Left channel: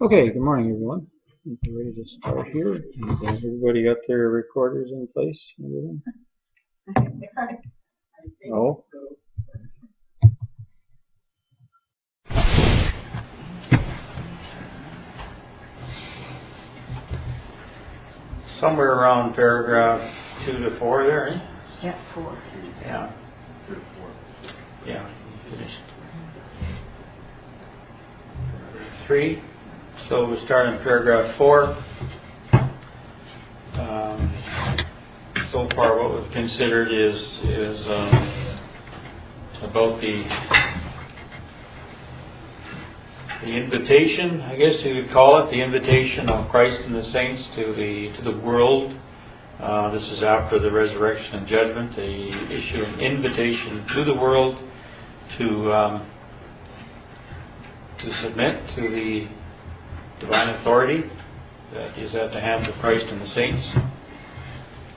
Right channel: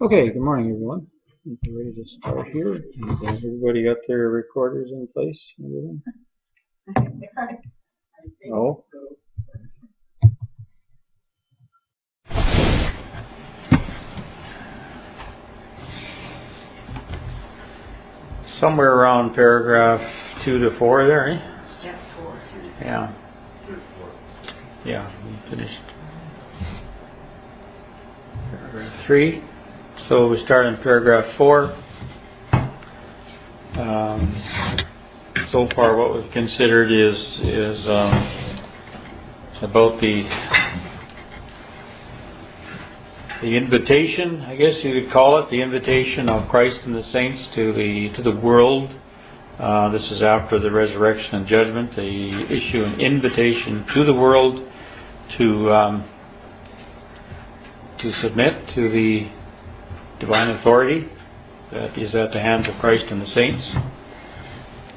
Okay, good morning, everyone. I think we're ready to start here. And, everybody got their recorders in place and everything? No? Somewhere around paragraph 2 to 4 there, eh? Yeah, 4. Yeah. Yeah, we finished. Paragraph 3. So we start in paragraph 4. So far what we've considered is about the invitation, I guess you could call it, the invitation of Christ and the saints to the world. This is after the resurrection and judgment. They issue an invitation to the world to submit to the divine authority that is at the hands of Christ and the saints.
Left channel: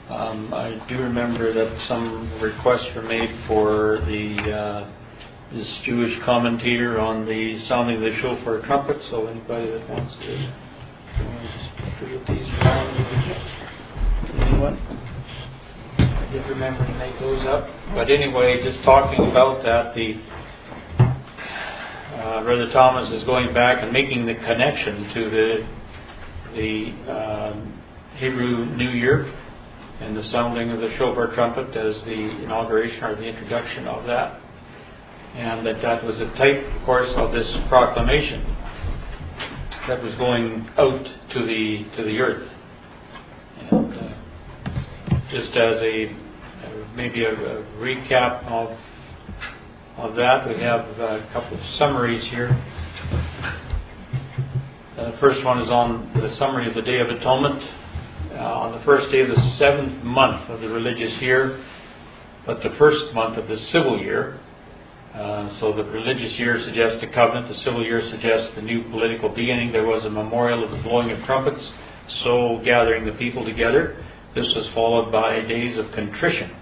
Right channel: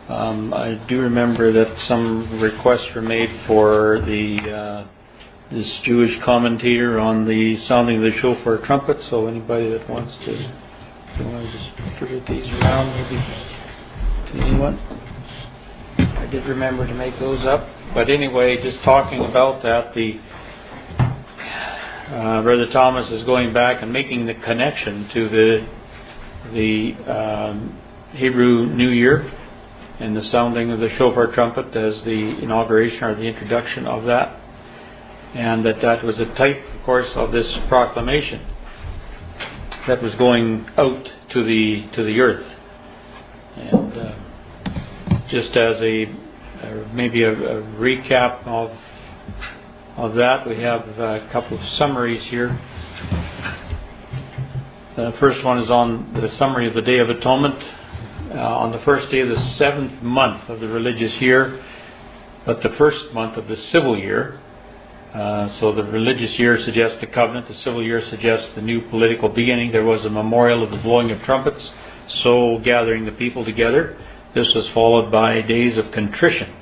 I do remember that some requests were made for this Jewish commentator on the sounding of the shofar trumpet. So anybody that wants to, if you want to just distribute these around, maybe to anyone. I did remember to make those up. But anyway, just talking about that, Brother Thomas is going back and making the connection to the Hebrew New Year and the sounding of the shofar trumpet as the inauguration or the introduction of that. And that was a type, of course, of this proclamation that was going out to the earth. And just as maybe a recap of that, we have a couple of summaries here. The first one is on the summary of the Day of Atonement on the first day of the 7th month of the religious year, but the first month of the civil year. So the religious year suggests the covenant, the civil year suggests the new political beginning. There was a memorial of the blowing of trumpets, so gathering the people together. This was followed by days of contrition,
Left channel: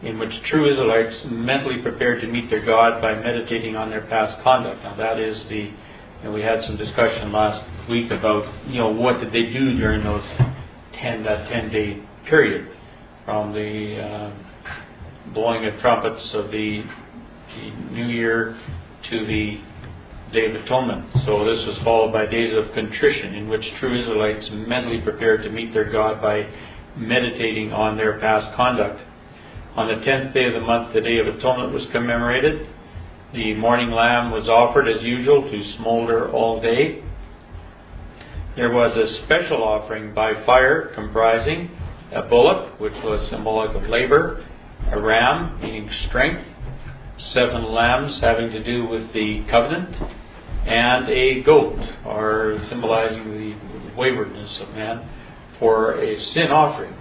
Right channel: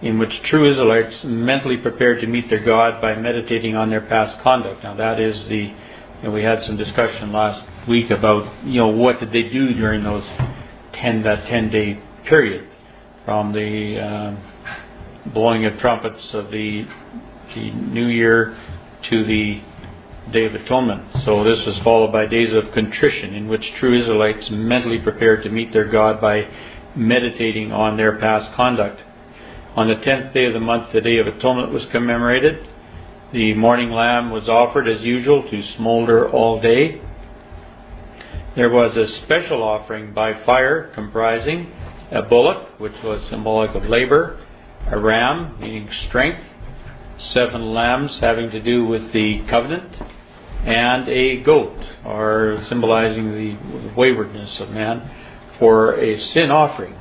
in which true Israelites mentally prepared to meet their God by meditating on their past conduct. Now that is we had some discussion last week about, what did they do during that 10-day period, from the blowing of trumpets of the New Year to the Day of Atonement. So this was followed by days of contrition, in which true Israelites mentally prepared to meet their God by meditating on their past conduct. On the 10th day of the month, the Day of Atonement was commemorated. The morning lamb was offered as usual to smolder all day. There was a special offering by fire comprising a bullock, which was symbolic of labor, a ram, meaning strength, 7 lambs having to do with the covenant, and a goat, or symbolizing the waywardness of man, for a sin offering.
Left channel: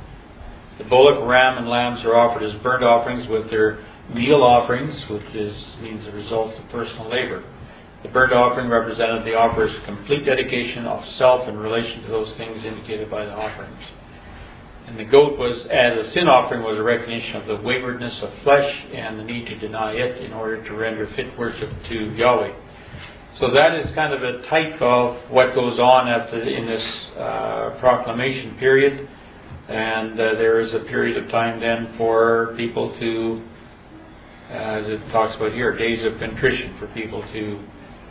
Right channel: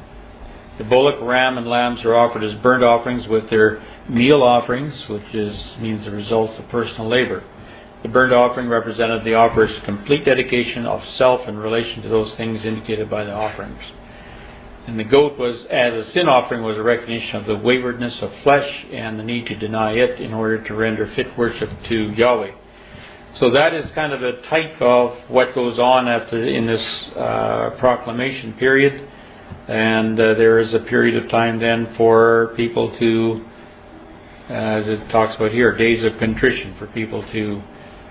The bullock, ram, and lambs are offered as burnt offerings with their meal offerings, which means the results of personal labor. The burnt offering represented the offerer's complete dedication of self in relation to those things indicated by the offerings. And the goat was, as a sin offering, was a recognition of the waywardness of flesh and the need to deny it in order to render fit worship to Yahweh. So that is kind of a type of what goes on in this proclamation period. And there is a period of time then for people to, as it talks about here, days of contrition, for people to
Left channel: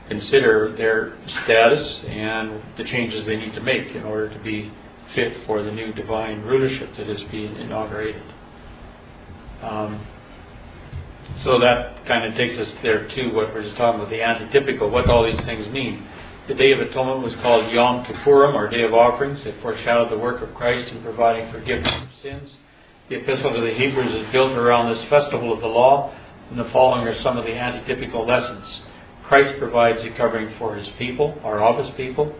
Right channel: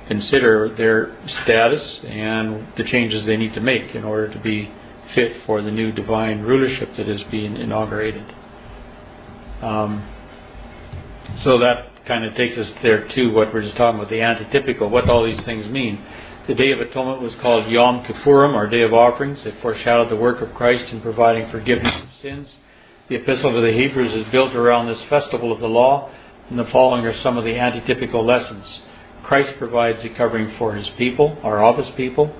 consider their status and the changes they need to make in order to be fit for the new divine rulership that is being inaugurated. So that kind of takes us there to what we're just talking about, the antitypical, what all these things mean. The Day of Atonement was called Yom Kippurim, or Day of Offerings. It foreshadowed the work of Christ in providing forgiveness of sins. The Epistle to the Hebrews is built around this festival of the law, and the following are some of the antitypical lessons. Christ provides the covering for His people, or of His people.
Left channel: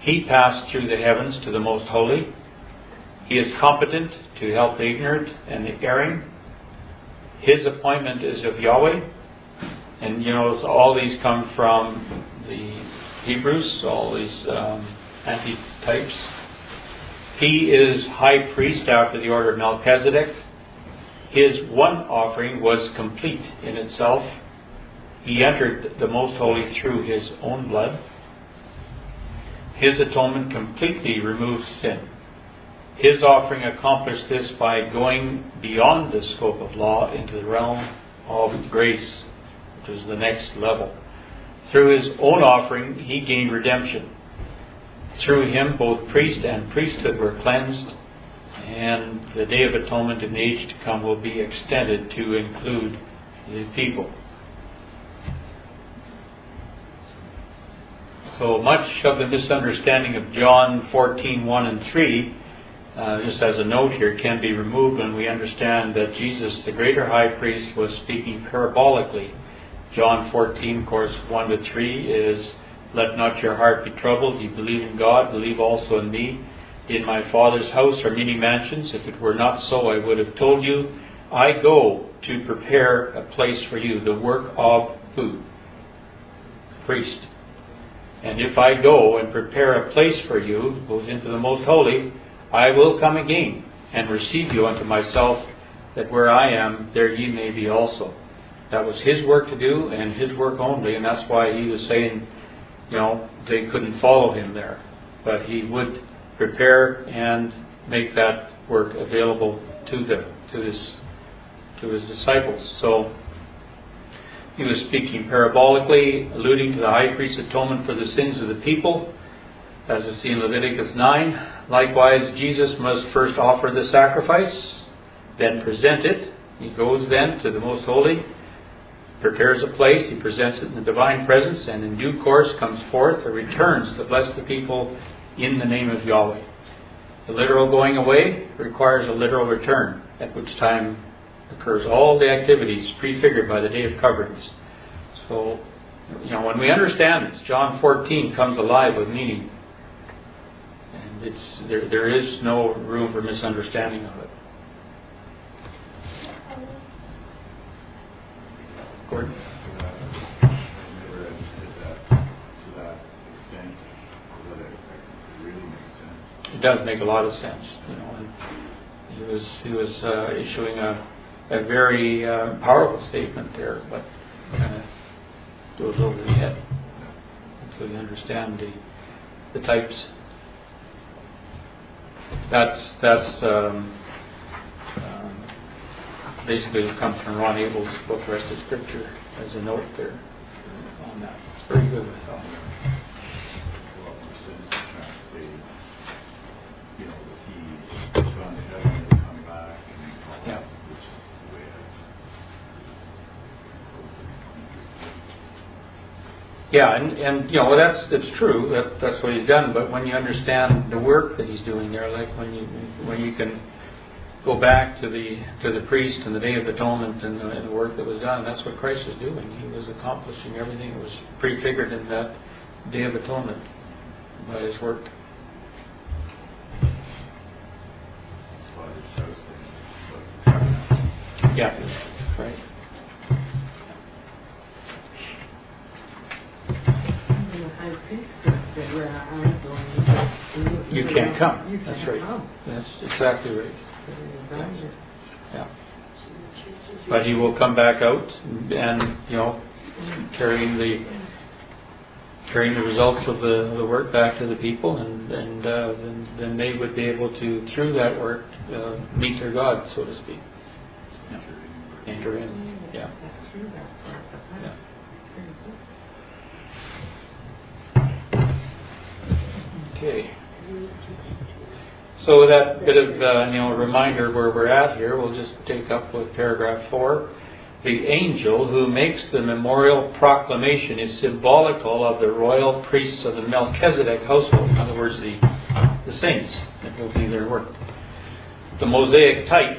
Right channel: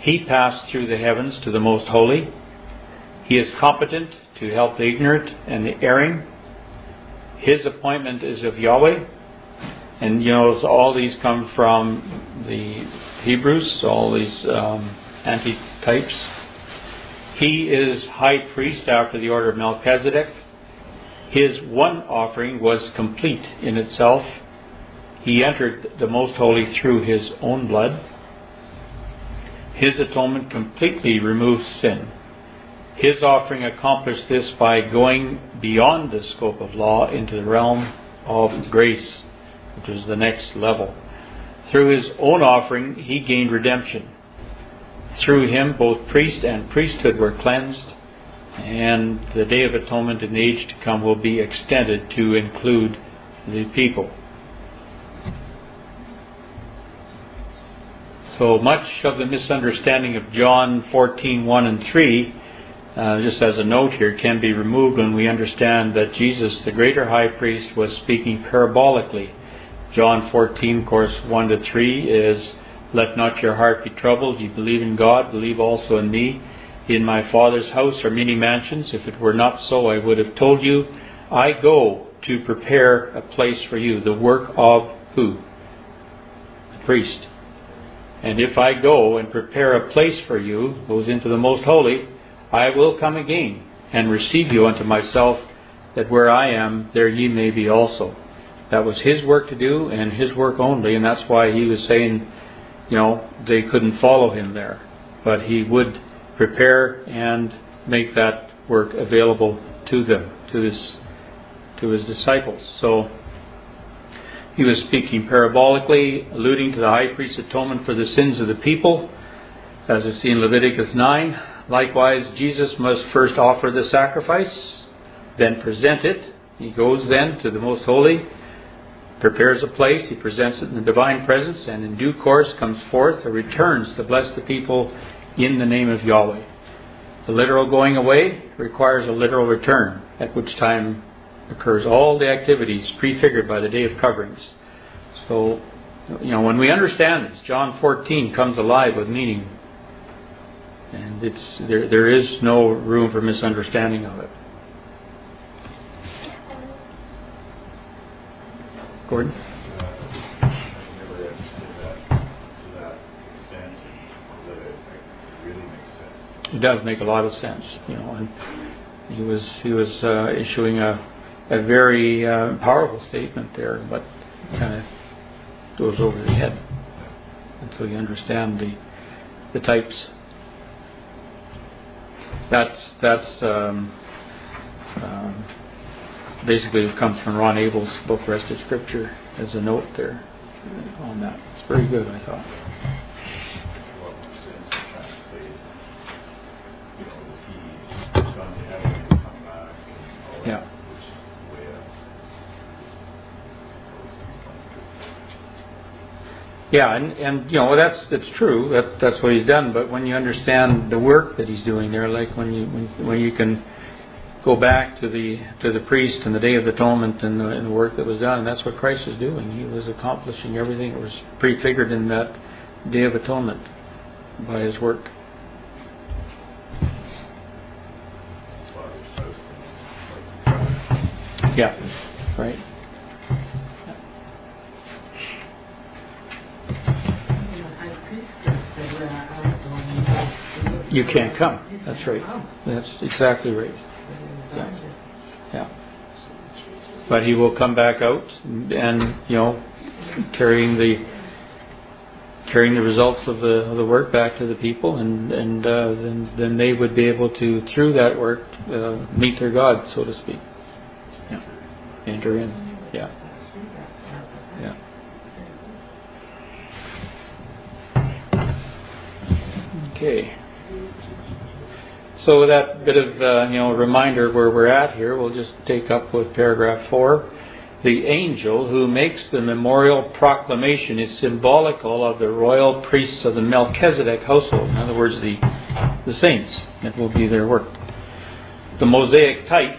He passed through the heavens to the Most Holy. He is competent to help the ignorant and the erring. His appointment is of Yahweh. And so all these come from the Hebrews, all these antitypes. He is high priest after the order of Melchizedek. His one offering was complete in itself. He entered the Most Holy through His own blood. His atonement completely removes sin. His offering accomplished this by going beyond the scope of law into the realm of grace, which is the next level. Through His own offering, He gained redemption. Through Him, both priest and priesthood were cleansed, and the Day of Atonement in the age to come will be extended to include the people. So much of the misunderstanding of John 14:1 and 3, just as a note here, can be removed when we understand that Jesus, the greater high priest, was speaking parabolically. John 14, of course, 1 to 3 is, "Let not your heart be troubled. You believe in God, believe also in me. In my Father's house are many mansions. If it were not so, I would have told you. I go to prepare a place for you." The work of who? The priest. "And if I go and prepare a place for you," goes into the most holy, "I will come again and receive you unto myself, that where I am, there ye may be also." That was His work to do, and His work only, and that's why He was saying, they couldn't follow Him there. But He would prepare and make that work available to them, to His disciples. So He was speaking parabolically, alluding to the high priest's atonement for the sins of the people, as is seen in Leviticus 9. Likewise, Jesus must first offer the sacrifice, then present it. He goes then to the most holy, prepares a place, He presents it in the divine presence, and in due course comes forth or returns to bless the people in the name of Yahweh. The literal going away requires a literal return, at which time occurs all the activities prefigured by the Day of Coverings. So, when we understand this, John 14 comes alive with meaning. And there is no room for misunderstanding of it. Gordon? I never understood that to that extent, that it really makes sense. It does make a lot of sense, and he was issuing a very powerful statement there, but kind of goes over the head until you understand the types. That's basically what comes from Ron Abel's book, Rest of Scripture, as a note there on that. It's very good, I thought. Makes a lot more sense to kind of say, that He's gone to heaven and come back and all that, which is the way that's true. That's what He's done. But when you understand the work that He's doing there, like when you can go back to the priest and the Day of Atonement and the work that was done, that's what Christ was doing. He was accomplishing everything that was prefigured in that Day of Atonement by His work. Yeah, right. You can't come. That's right. That's exactly right. Yeah. But He will come back out and carrying the results of the work back to the people, and then they would be able to, through that work, meet their God, so to speak. Yeah. Enter in. Yeah. Yeah. Okay. So with that bit of reminder where we're at here, we'll just take up with paragraph 4. The angel who makes the memorial proclamation is symbolical of the royal priests of the Melchizedek household. In other words, the saints. It will be their work. The Mosaic type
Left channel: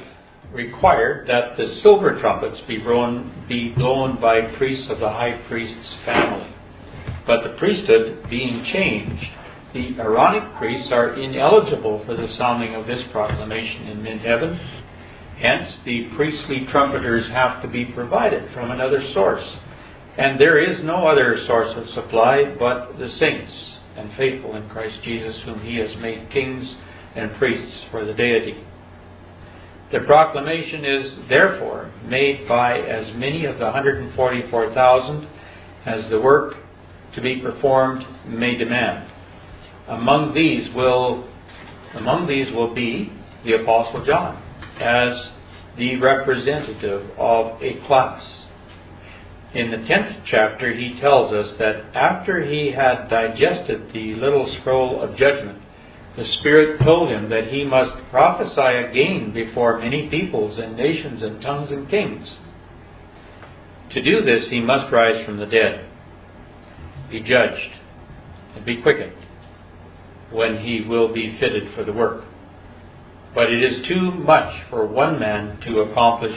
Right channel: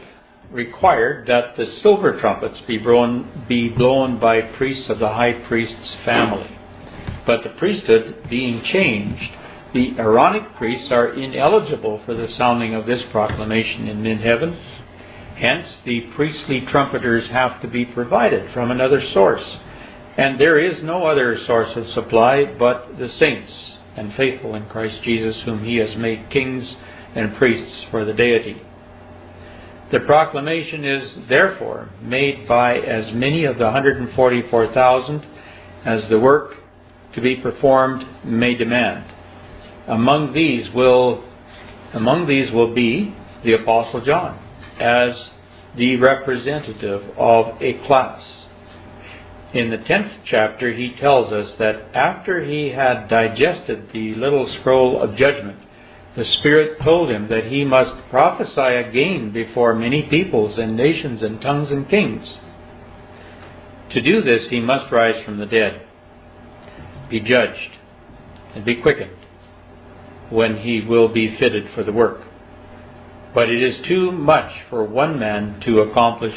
required that the silver trumpets be blown by priests of the high priest's family. But the priesthood being changed, the Aaronic priests are ineligible for the sounding of this proclamation in mid-heaven. Hence, the priestly trumpeters have to be provided from another source. And there is no other source of supply but the saints and faithful in Christ Jesus, whom He has made kings and priests for the Deity. The proclamation is therefore made by as many of the 144,000 as the work to be performed may demand. Among these will be the Apostle John as the representative of a class. In the 10th chapter, he tells us that after he had digested the little scroll of judgment, the Spirit told him that he must prophesy again before many peoples and nations and tongues and kings. To do this, he must rise from the dead, be judged, and be quickened, when he will be fitted for the work. But it is too much for one man to accomplish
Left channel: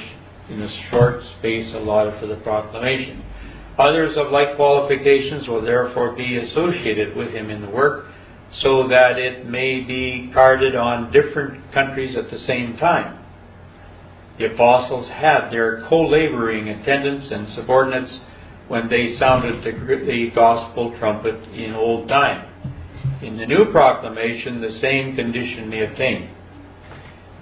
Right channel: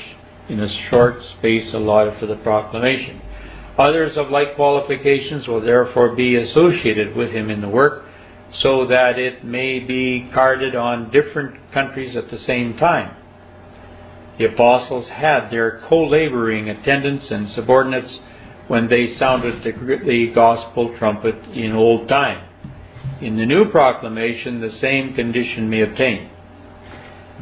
in a short space allotted for the proclamation. Others of like qualifications will therefore be associated with him in the work, so that it may be guarded on different countries at the same time. The apostles had their co-laboring attendants and subordinates when they sounded the gospel trumpet in old time. In the new proclamation, the same condition may obtain.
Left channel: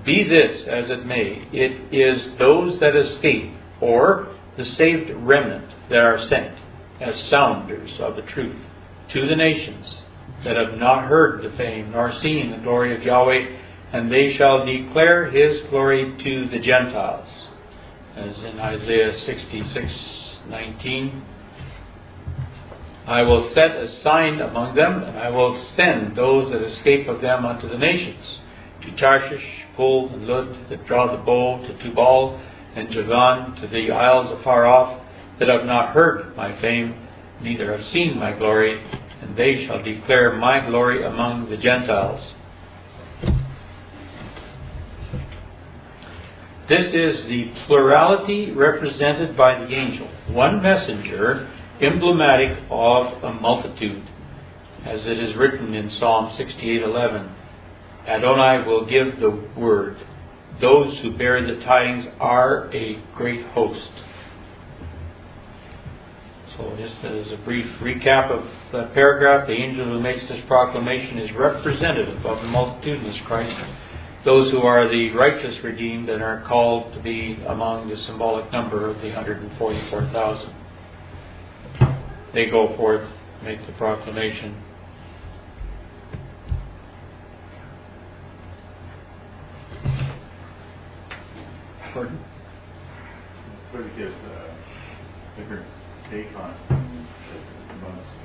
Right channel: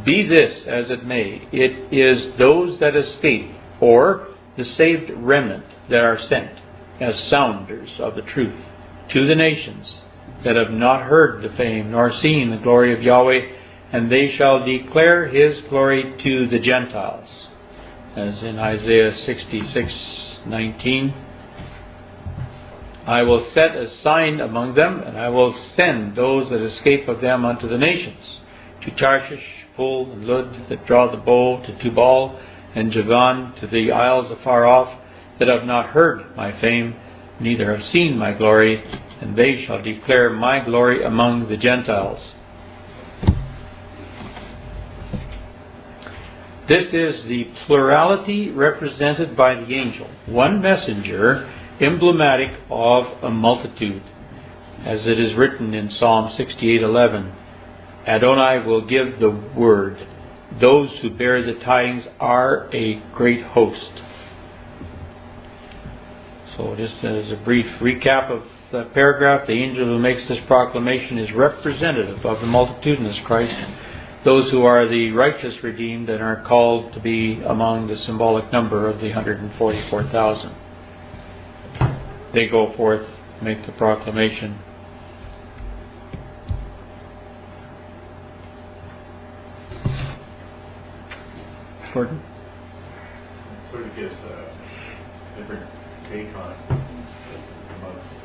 Be this as it may, it is those that escape, or the saved remnant, that are sent as sounders of the truth to the nations that have not heard the fame nor seen the glory of Yahweh, and they shall declare His glory to the Gentiles. As in Isaiah 66:19, I will set a sign among them, and I will send those that escape of them unto the nations, to Tarshish, Pul, and Lud, that draw the bow, to Tubal and Javan, to the isles afar off, that have not heard my fame, neither have seen my glory, and they shall declare my glory among the Gentiles. This is the plurality represented by the angel, one messenger, emblematic of a multitude, as it is written in Psalm 68:11. Adonai will give the word. Those who bear the tidings are a great host. So just as a brief recap of the paragraph, the angel who makes this proclamation is representative of the multitudinous Christ, those who are the righteous redeemed and are called to be among the symbolic number of the 144,000. They go forth, make the proclamation. Gordon? It sort of gives a different take on amongst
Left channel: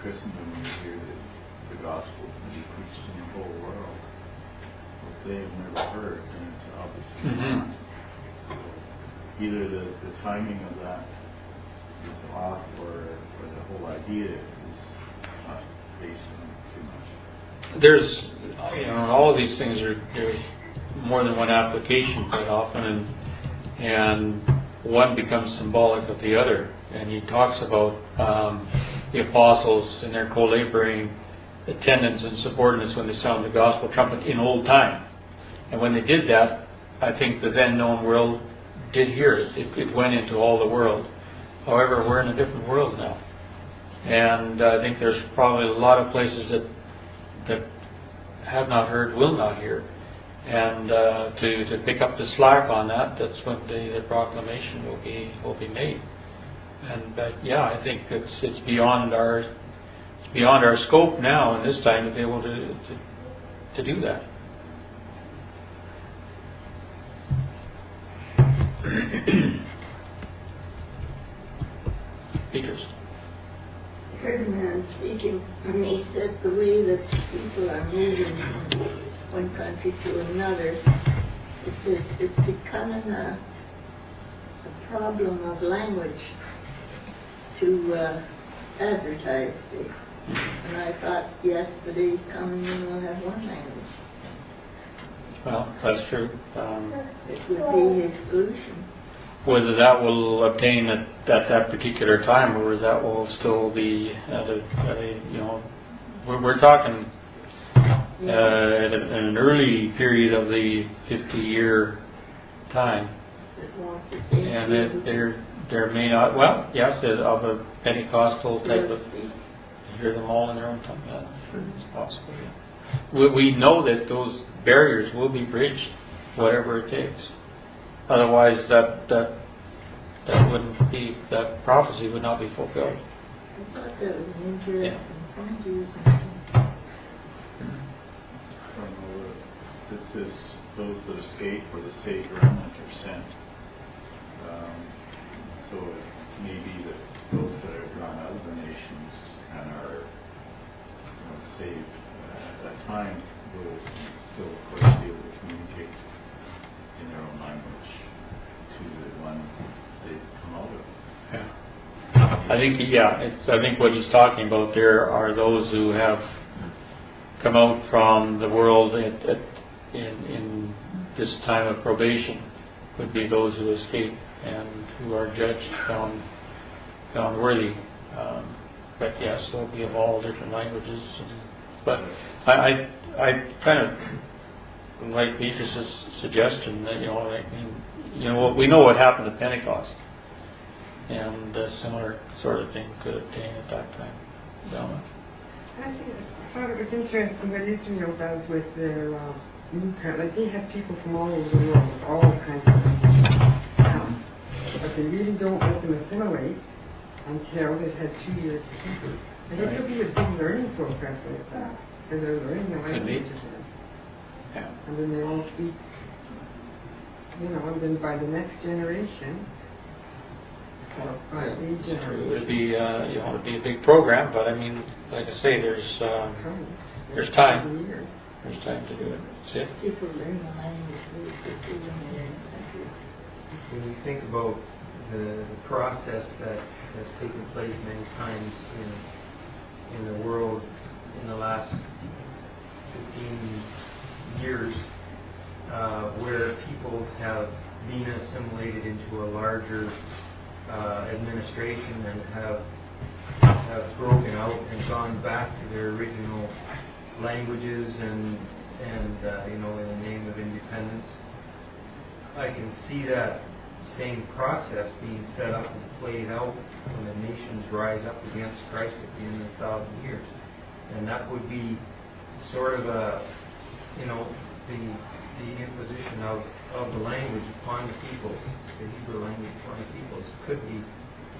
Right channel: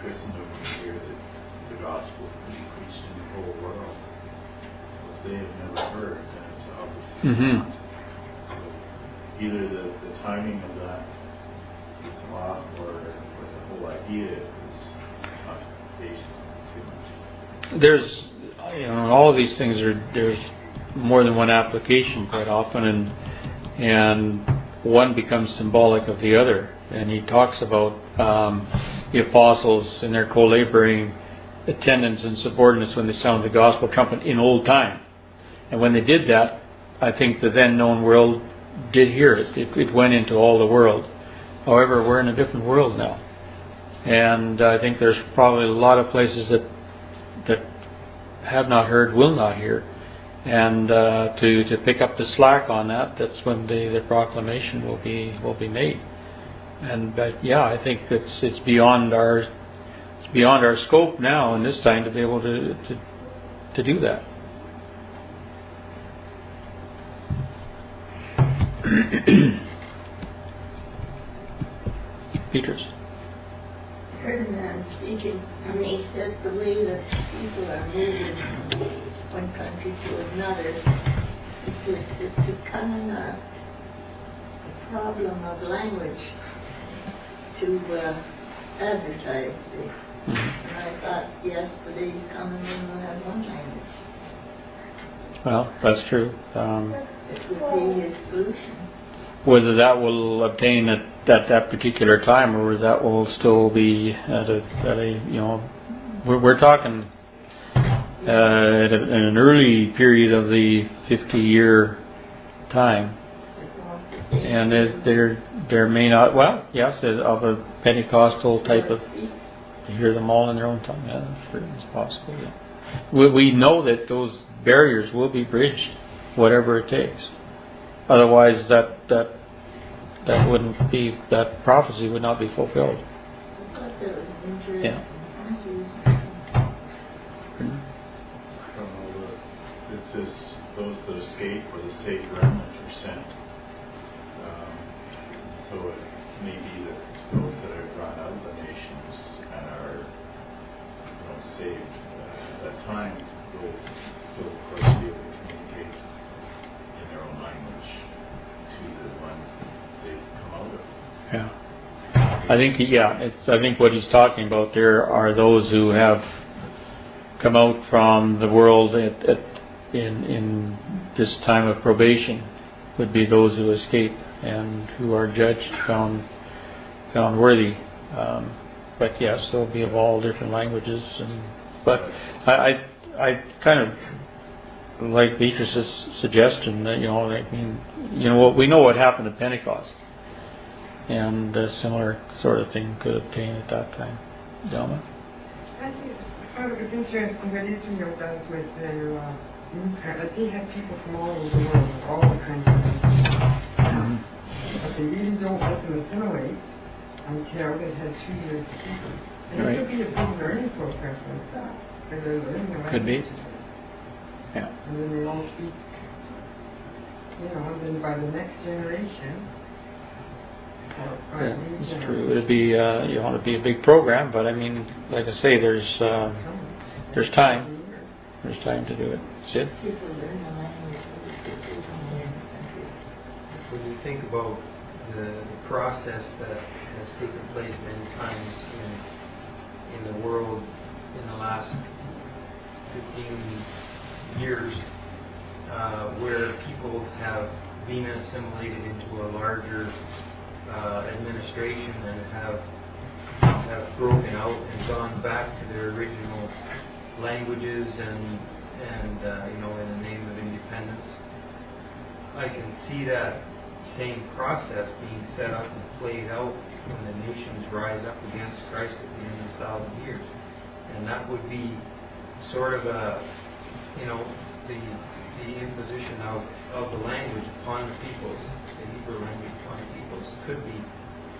Christendom when you hear that the gospel can be preached in the whole world. Well, if they have never heard, then it's obviously not. So either the timing of that is off, or the whole idea is not based on too much. There's, in all of these things, there's more than one application quite often, and one becomes symbolic of the other. And he talks about the apostles and their co-laboring attendants and subordinates when they sound the gospel trumpet in old time. And when they did that, I think the then known world did hear it. It went into all the world. However, we're in a different world now. And I think there's probably a lot of places that have not heard, will not hear. And to pick up the slack on that, that's when the proclamation will be made. And yeah, I think it's beyond our scope now in this time to be able to do that. Peters. I heard a man speaking, and he said the way that people are moving from one country to another, it's becoming a problem of language to advertise it. And I thought, yes, the day's coming when we'll have one language. Well, that's true. It would be exclusion. Whether that will obtain at that particular time, or whether that will still be at a we're talking at an early period of the 50-year time, and there may not. Well, yes, of a Pentecostal type of. To hear them all in their own tongue, yeah, sure, it's possible. Yeah. We know that those barriers will be bridged, whatever it takes. Otherwise, that wouldn't be, that prophecy would not be fulfilled. thought that was an interesting point you were making. From it says those that escape or the safe remnant are sent. So it may be that those that are drawn out of the nations and are saved at that time will still, of course, be able to communicate in their own language to the ones that they've come out of. Yeah. I think what he's talking about there are those who have come out from the world in this time of probation, would be those who escape and who are judged, found worthy. But yes, they'll be of all different languages. But I kind of like Beatrice's suggestion that we know what happened at Pentecost, and a similar sort of thing could obtain at that time. Delma? I thought it was interesting what Israel does with their like they have people from all over the world with all kinds of things. But they really don't let them assimilate until they've had 2 years to people. I think it'll be a big learning process like that, because they're learning a language. Yeah. And then they all speak, and then by the next generation, It's true. It'd be it'd be a big program, but I mean, like I say, there's time. There's time to do it. Sid? People learn the language really quickly when they're in the country. When you think about the process that has taken place many times in the world in the last 15 years, where people have been assimilated into a larger administration and have broken out and gone back to their original languages and in the name of independence, I can see that same process being set up and played out when the nations rise up against Christ at the end of 1,000 years. And that would be sort of the imposition of the language upon the peoples, the Hebrew language upon the peoples, could be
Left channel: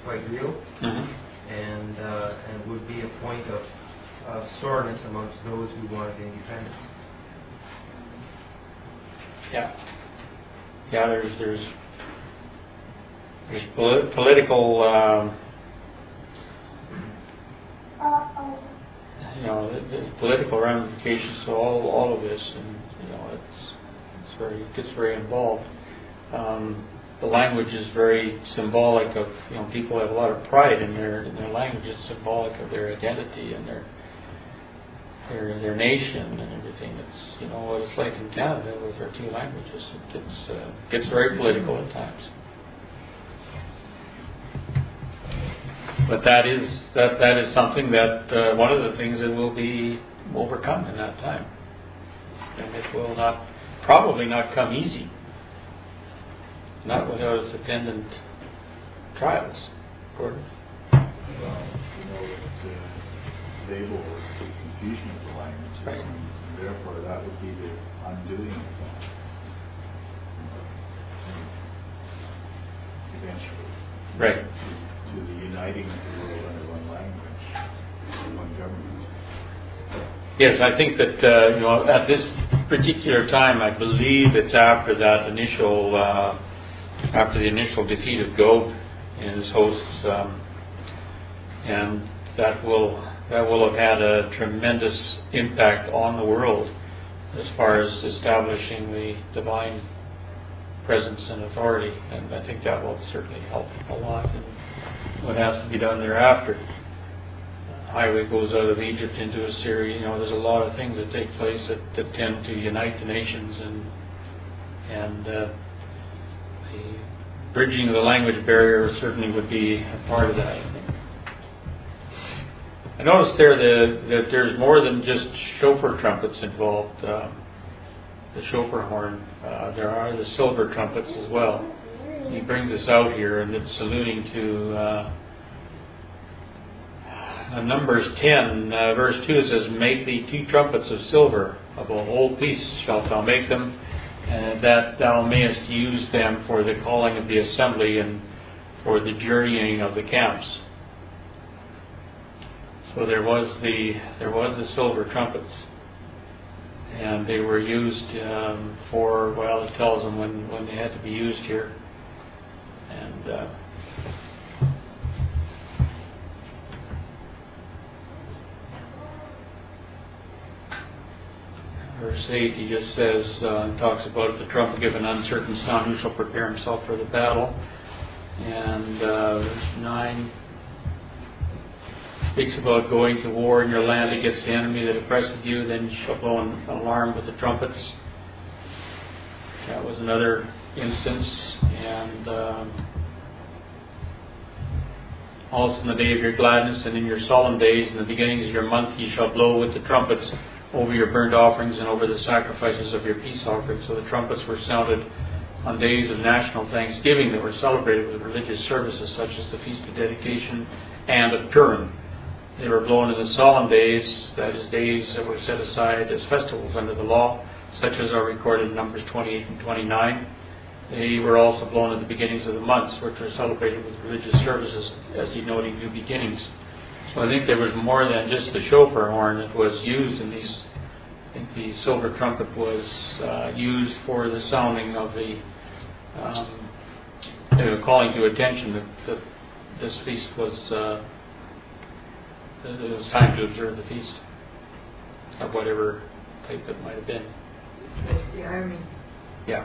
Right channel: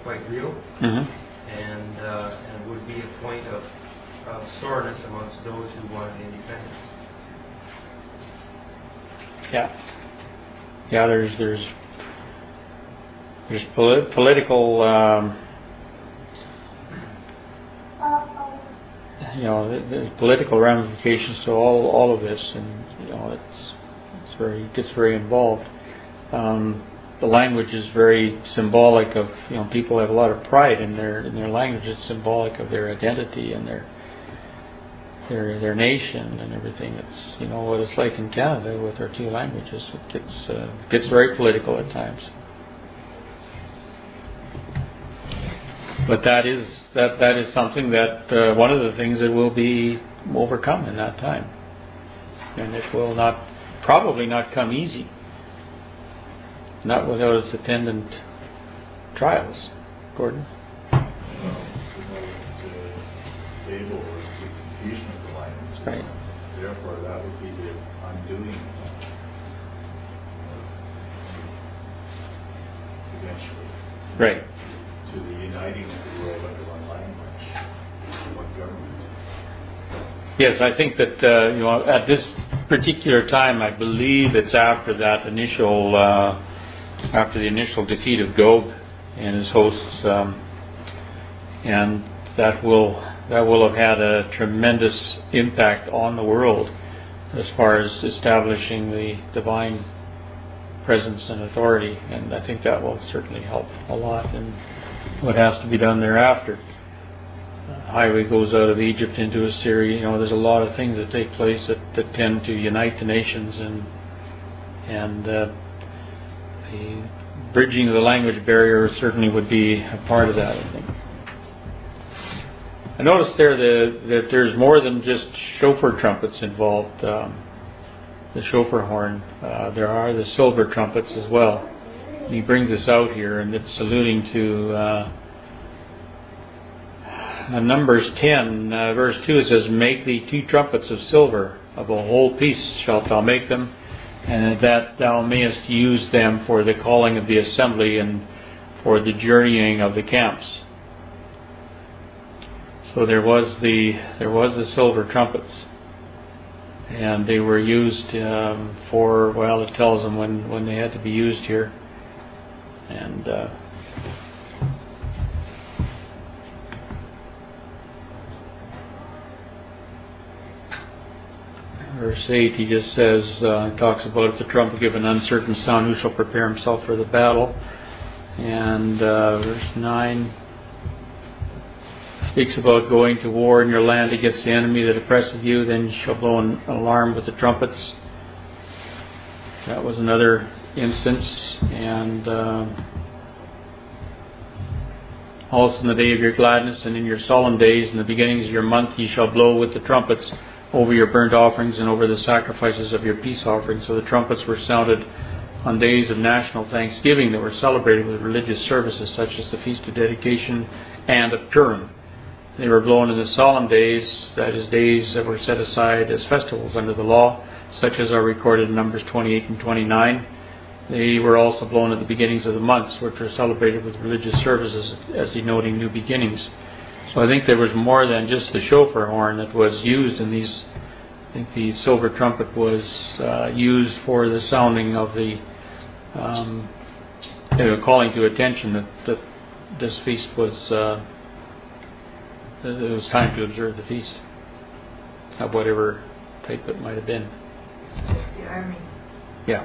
quite real, and would be a point of soreness amongst those who wanted independence. Yeah. There's political there's political ramifications to all of this, and it gets very involved. The language is very symbolic of people have a lot of pride in their language. It's symbolic of their identity and their nation and everything. It's what it's like in Canada with our two languages. It gets very political at times. But that is something that one of the things that will be overcome in that time, and it will probably not come easy, not without its attendant trials. Gordon? Well, that Babel was the confusion of the languages, right. And therefore that would be the undoing of that. Eventually. Right. To the uniting of the world under one language, one government. Yes, I think that at this particular time, I believe it's after that initial, after the initial defeat of Gog and his hosts, and that will have had a tremendous impact on the world as far as establishing the divine presence and authority, and I think that will certainly help a lot in what has to be done thereafter. Highway goes out of Egypt into Assyria. There's a lot of things that take place that tend to unite the nations, and the bridging of the language barrier certainly would be a part of that, I think. I noticed there that there's more than just shofar trumpets involved. The shofar horn. There are the silver trumpets as well. And he brings this out here, and it's alluding to Numbers 10, verse 2. It says, "Make thee 2 trumpets of silver, of a whole piece shalt thou make them, and that thou mayest use them for the calling of the assembly and for the journeying of the camps." So there was the silver trumpets, and they were used for, well, it tells them when they had to be used here. And verse 8, he just says, he talks about if the trumpet give an uncertain sound, who shall prepare himself for the battle. And verse 9 speaks about going to war in your land against the enemy that oppresseth you, then you shall blow an alarm with the trumpets. That was another instance. And also in the day of your gladness and in your solemn days, in the beginnings of your month, ye shall blow with the trumpets over your burnt offerings and over the sacrifices of your peace offerings. So the trumpets were sounded on days of national thanksgiving that were celebrated with religious services such as the Feast of Dedication and of Purim. They were blown in the solemn days, that is, days that were set aside as festivals under the law, such as are recorded in Numbers 28 and 29. They were also blown at the beginnings of the months, which were celebrated with religious services as denoting new beginnings. So I think there was more than just the shofar horn that was used in these. I think the silver trumpet was used for the sounding of the calling to attention that this feast was, it was time to observe the feast of whatever type it might have been. The army. Yeah.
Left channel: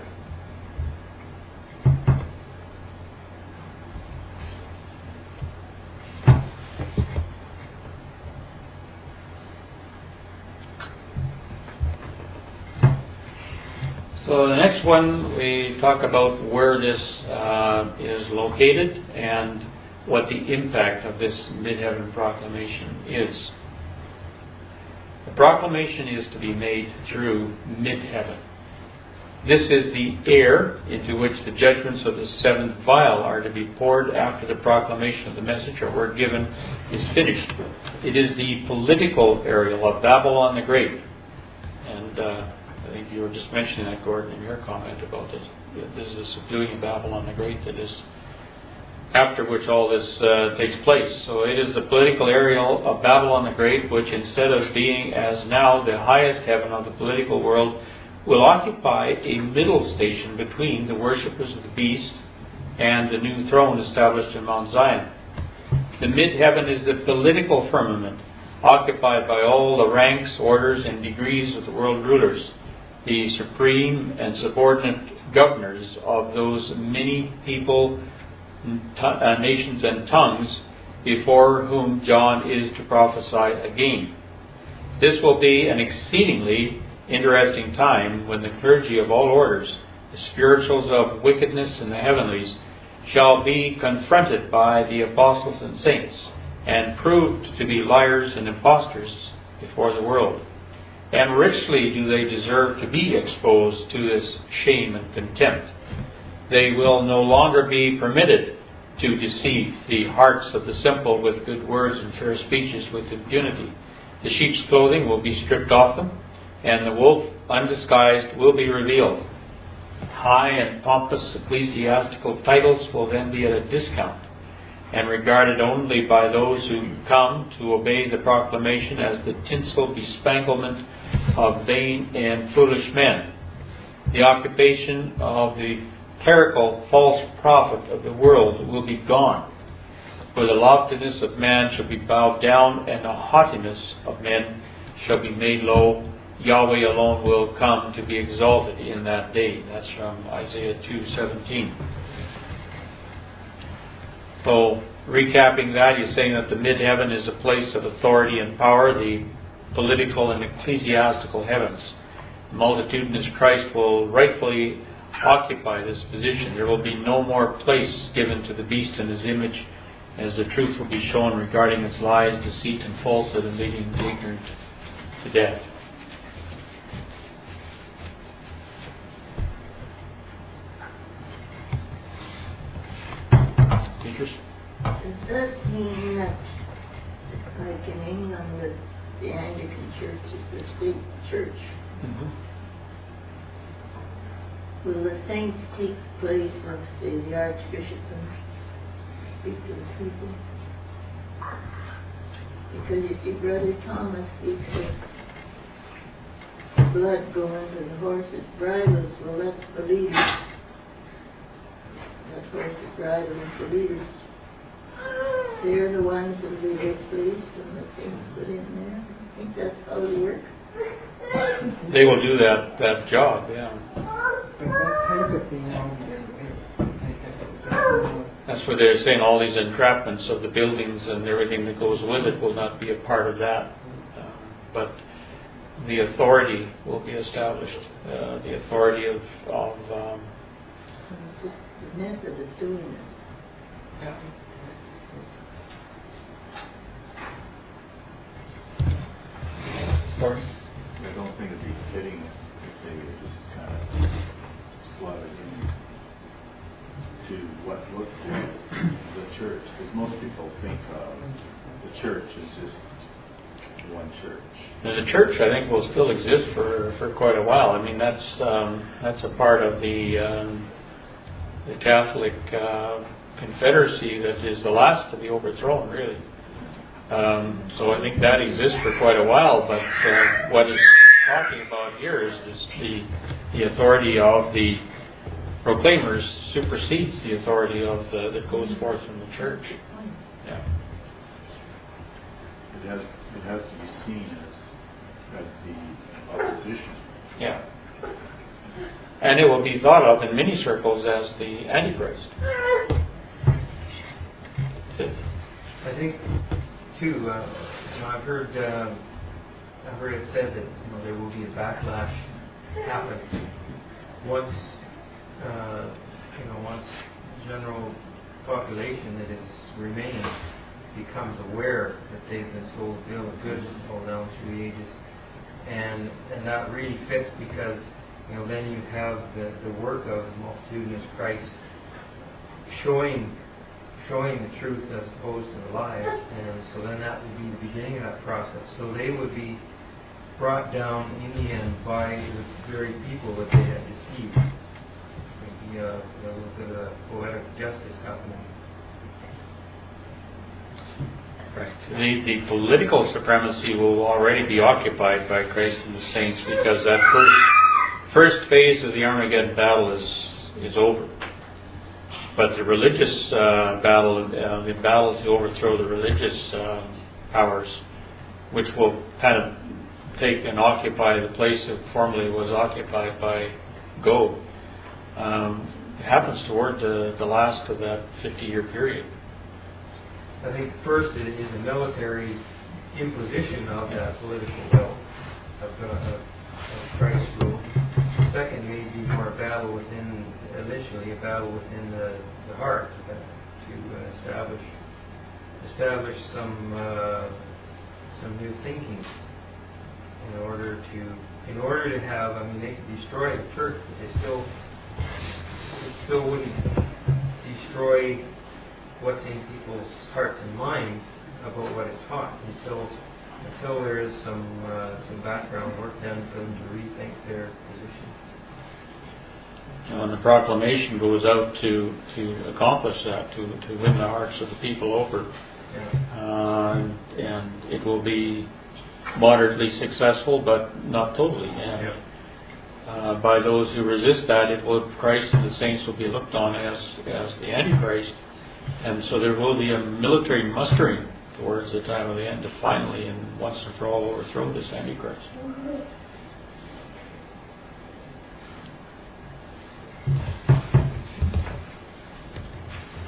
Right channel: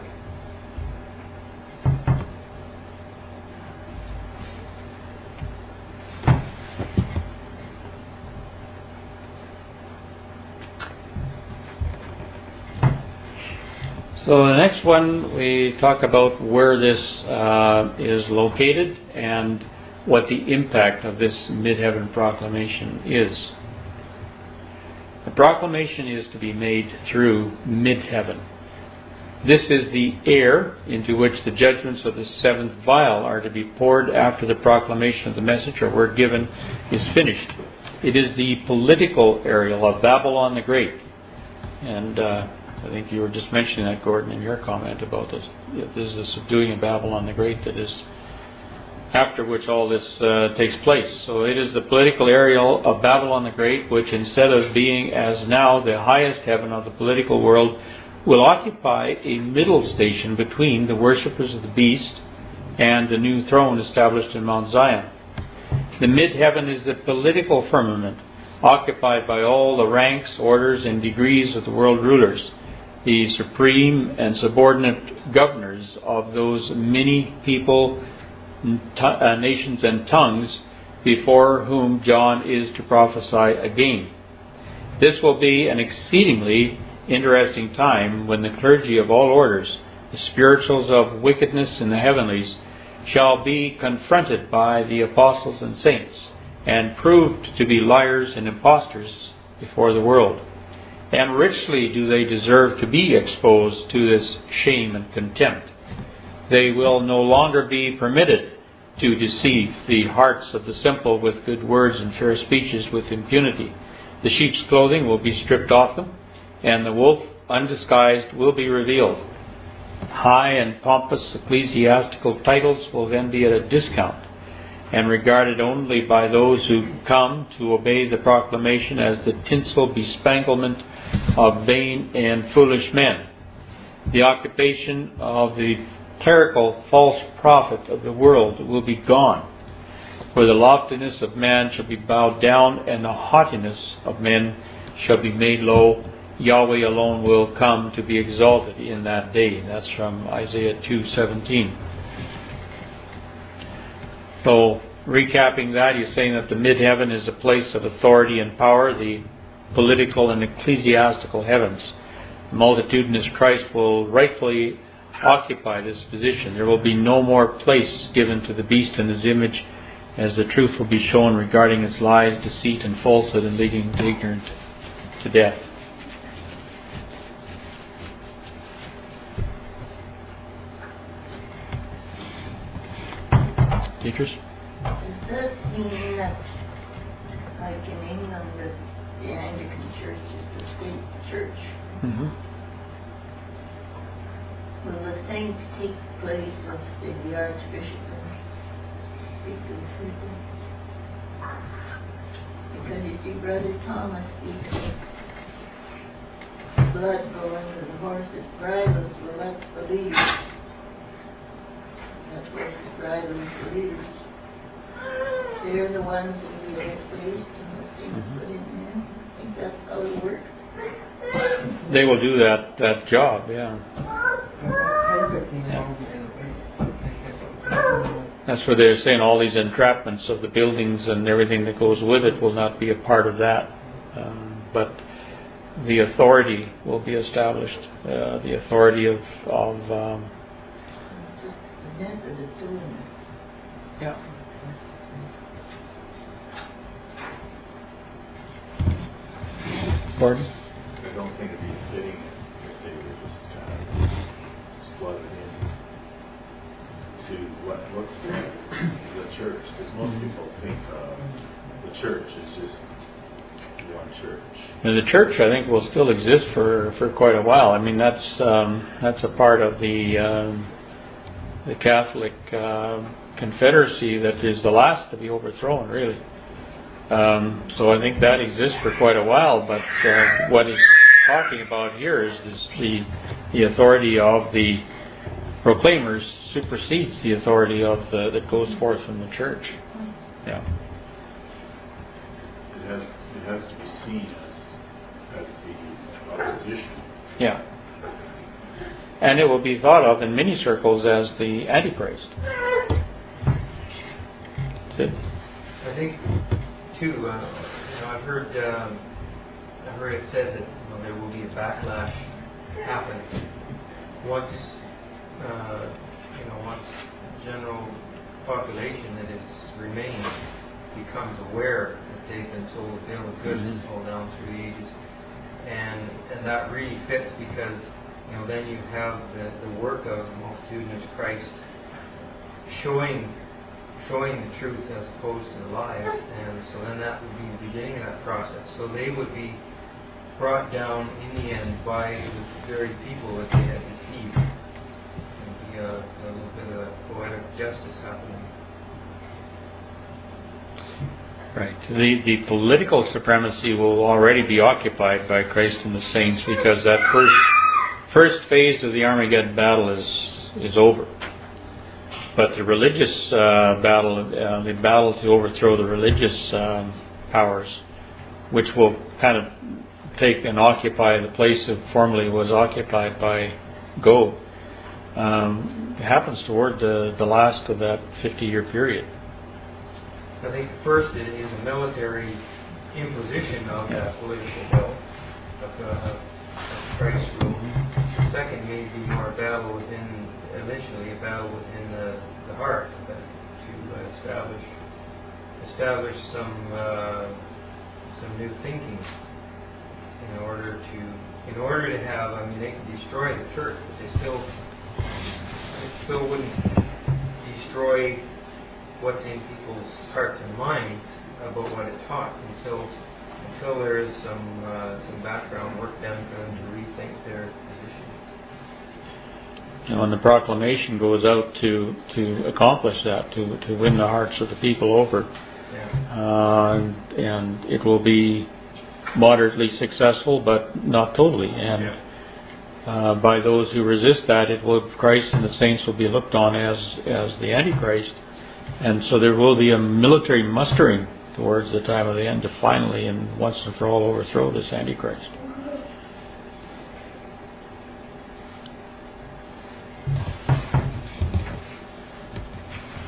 So the next one, we talk about where this is located and what the impact of this mid-heaven proclamation is. The proclamation is to be made through mid-heaven. This is the air into which the judgments of the seventh vial are to be poured after the proclamation of the message or word given is finished. It is the political area of Babylon the Great. And I think you were just mentioning that, Gordon, in your comment about this. This is the subduing of Babylon the Great that is after which all this takes place. So it is the political area of Babylon the Great, which instead of being as now the highest heaven of the political world, will occupy a middle station between the worshippers of the beast and the new throne established in Mount Zion. The mid-heaven is the political firmament occupied by all the ranks, orders, and degrees of the world rulers, the supreme and subordinate governors of those many people, nations, and tongues before whom John is to prophesy again. This will be an exceedingly interesting time when the clergy of all orders, the spirituals of wickedness in the heavenlies, shall be confronted by the apostles and saints and proved to be liars and impostors before the world. And richly do they deserve to be exposed to this shame and contempt. They will no longer be permitted to deceive the hearts of the simple with good words and fair speeches with impunity. The sheep's clothing will be stripped off them, and the wolf undisguised will be revealed. High and pompous ecclesiastical titles will then be at a discount, and regarded only by those who come to obey the proclamation as the tinsel bespanglement of vain and foolish men. The occupation of the clerical false prophet of the world will be gone, for the loftiness of man shall be bowed down, and the haughtiness of men shall be made low. Yahweh alone will come to be exalted in that day. That's from Isaiah 2:17. So, recapping that, he's saying that the mid-heaven is a place of authority and power, the political and ecclesiastical heavens. The multitudinous Christ will rightfully occupy this position. There will be no more place given to the beast and his image, as the truth will be shown regarding its lies, deceit, and falsehood, and leading the ignorant to death. Teachers? Does that mean that, like in England, that the Anglican Church is the state church? Mm-hmm. Will the saints take place once the Archbishop and speak to the people? Because you see, Brother Thomas speaks of blood going to the horses' bridles. Well, that's the leaders. That horses' bridle is the leaders. They're the ones that will be replaced and the things put in there. I think that's how it works. They will do that job, yeah. That's where they're saying all these entrapments of the buildings and everything that goes with it will not be a part of that. But the authority will be established. The authority of It's just the method of doing it. yeah. Gordon? I don't think it'd be fitting if they were just kind of slotted in to what looks like the church, because most people think of the church as just one church. And the church, I think, will still exist for quite a while. I mean, that's a part of the Catholic confederacy that is the last to be overthrown, really. So I think that exists for quite a while. But what it's talking about here is the authority of the proclaimers supersedes the authority of that goes forth from the church. Yeah. It has to be seen as the opposition. Yeah. And it will be thought of in many circles as the Antichrist. That's it. I think, too, I've heard it said that there will be a backlash happening once once the general population that is remaining becomes aware that they've been sold a bill of goods all down through the ages, and that really fits because then you have the work of the multitudinous Christ showing the truth as opposed to the lies, and so then that would be the beginning of that process. So they would be brought down in the end by the very people that they had deceived. There'd be a little bit of poetic justice happening. Right. The political supremacy will already be occupied by Christ and the saints because that first phase of the Armageddon battle is over. But the religious battle, the battle to overthrow the religious powers, which will kind of take and occupy the place that formerly was occupied by Gog, happens toward the last of that 50-year period. I think first it is a military imposition of that political will of Christ's rule. The second may be more a battle within, initially a battle within the heart of that, to establish some new thinking in order to have. I mean, they could destroy the church, but it still wouldn't destroy what's in people's hearts and minds about what it taught until there is some background work done for them to rethink their position. And the proclamation goes out to accomplish that, to win the hearts of the people over. Yeah. And it will be moderately successful, but not totally. And by those who resist that, Christ and the saints will be looked on as the Antichrist. And so there will be a military mustering towards the time of the end to finally and once and for all overthrow this Antichrist.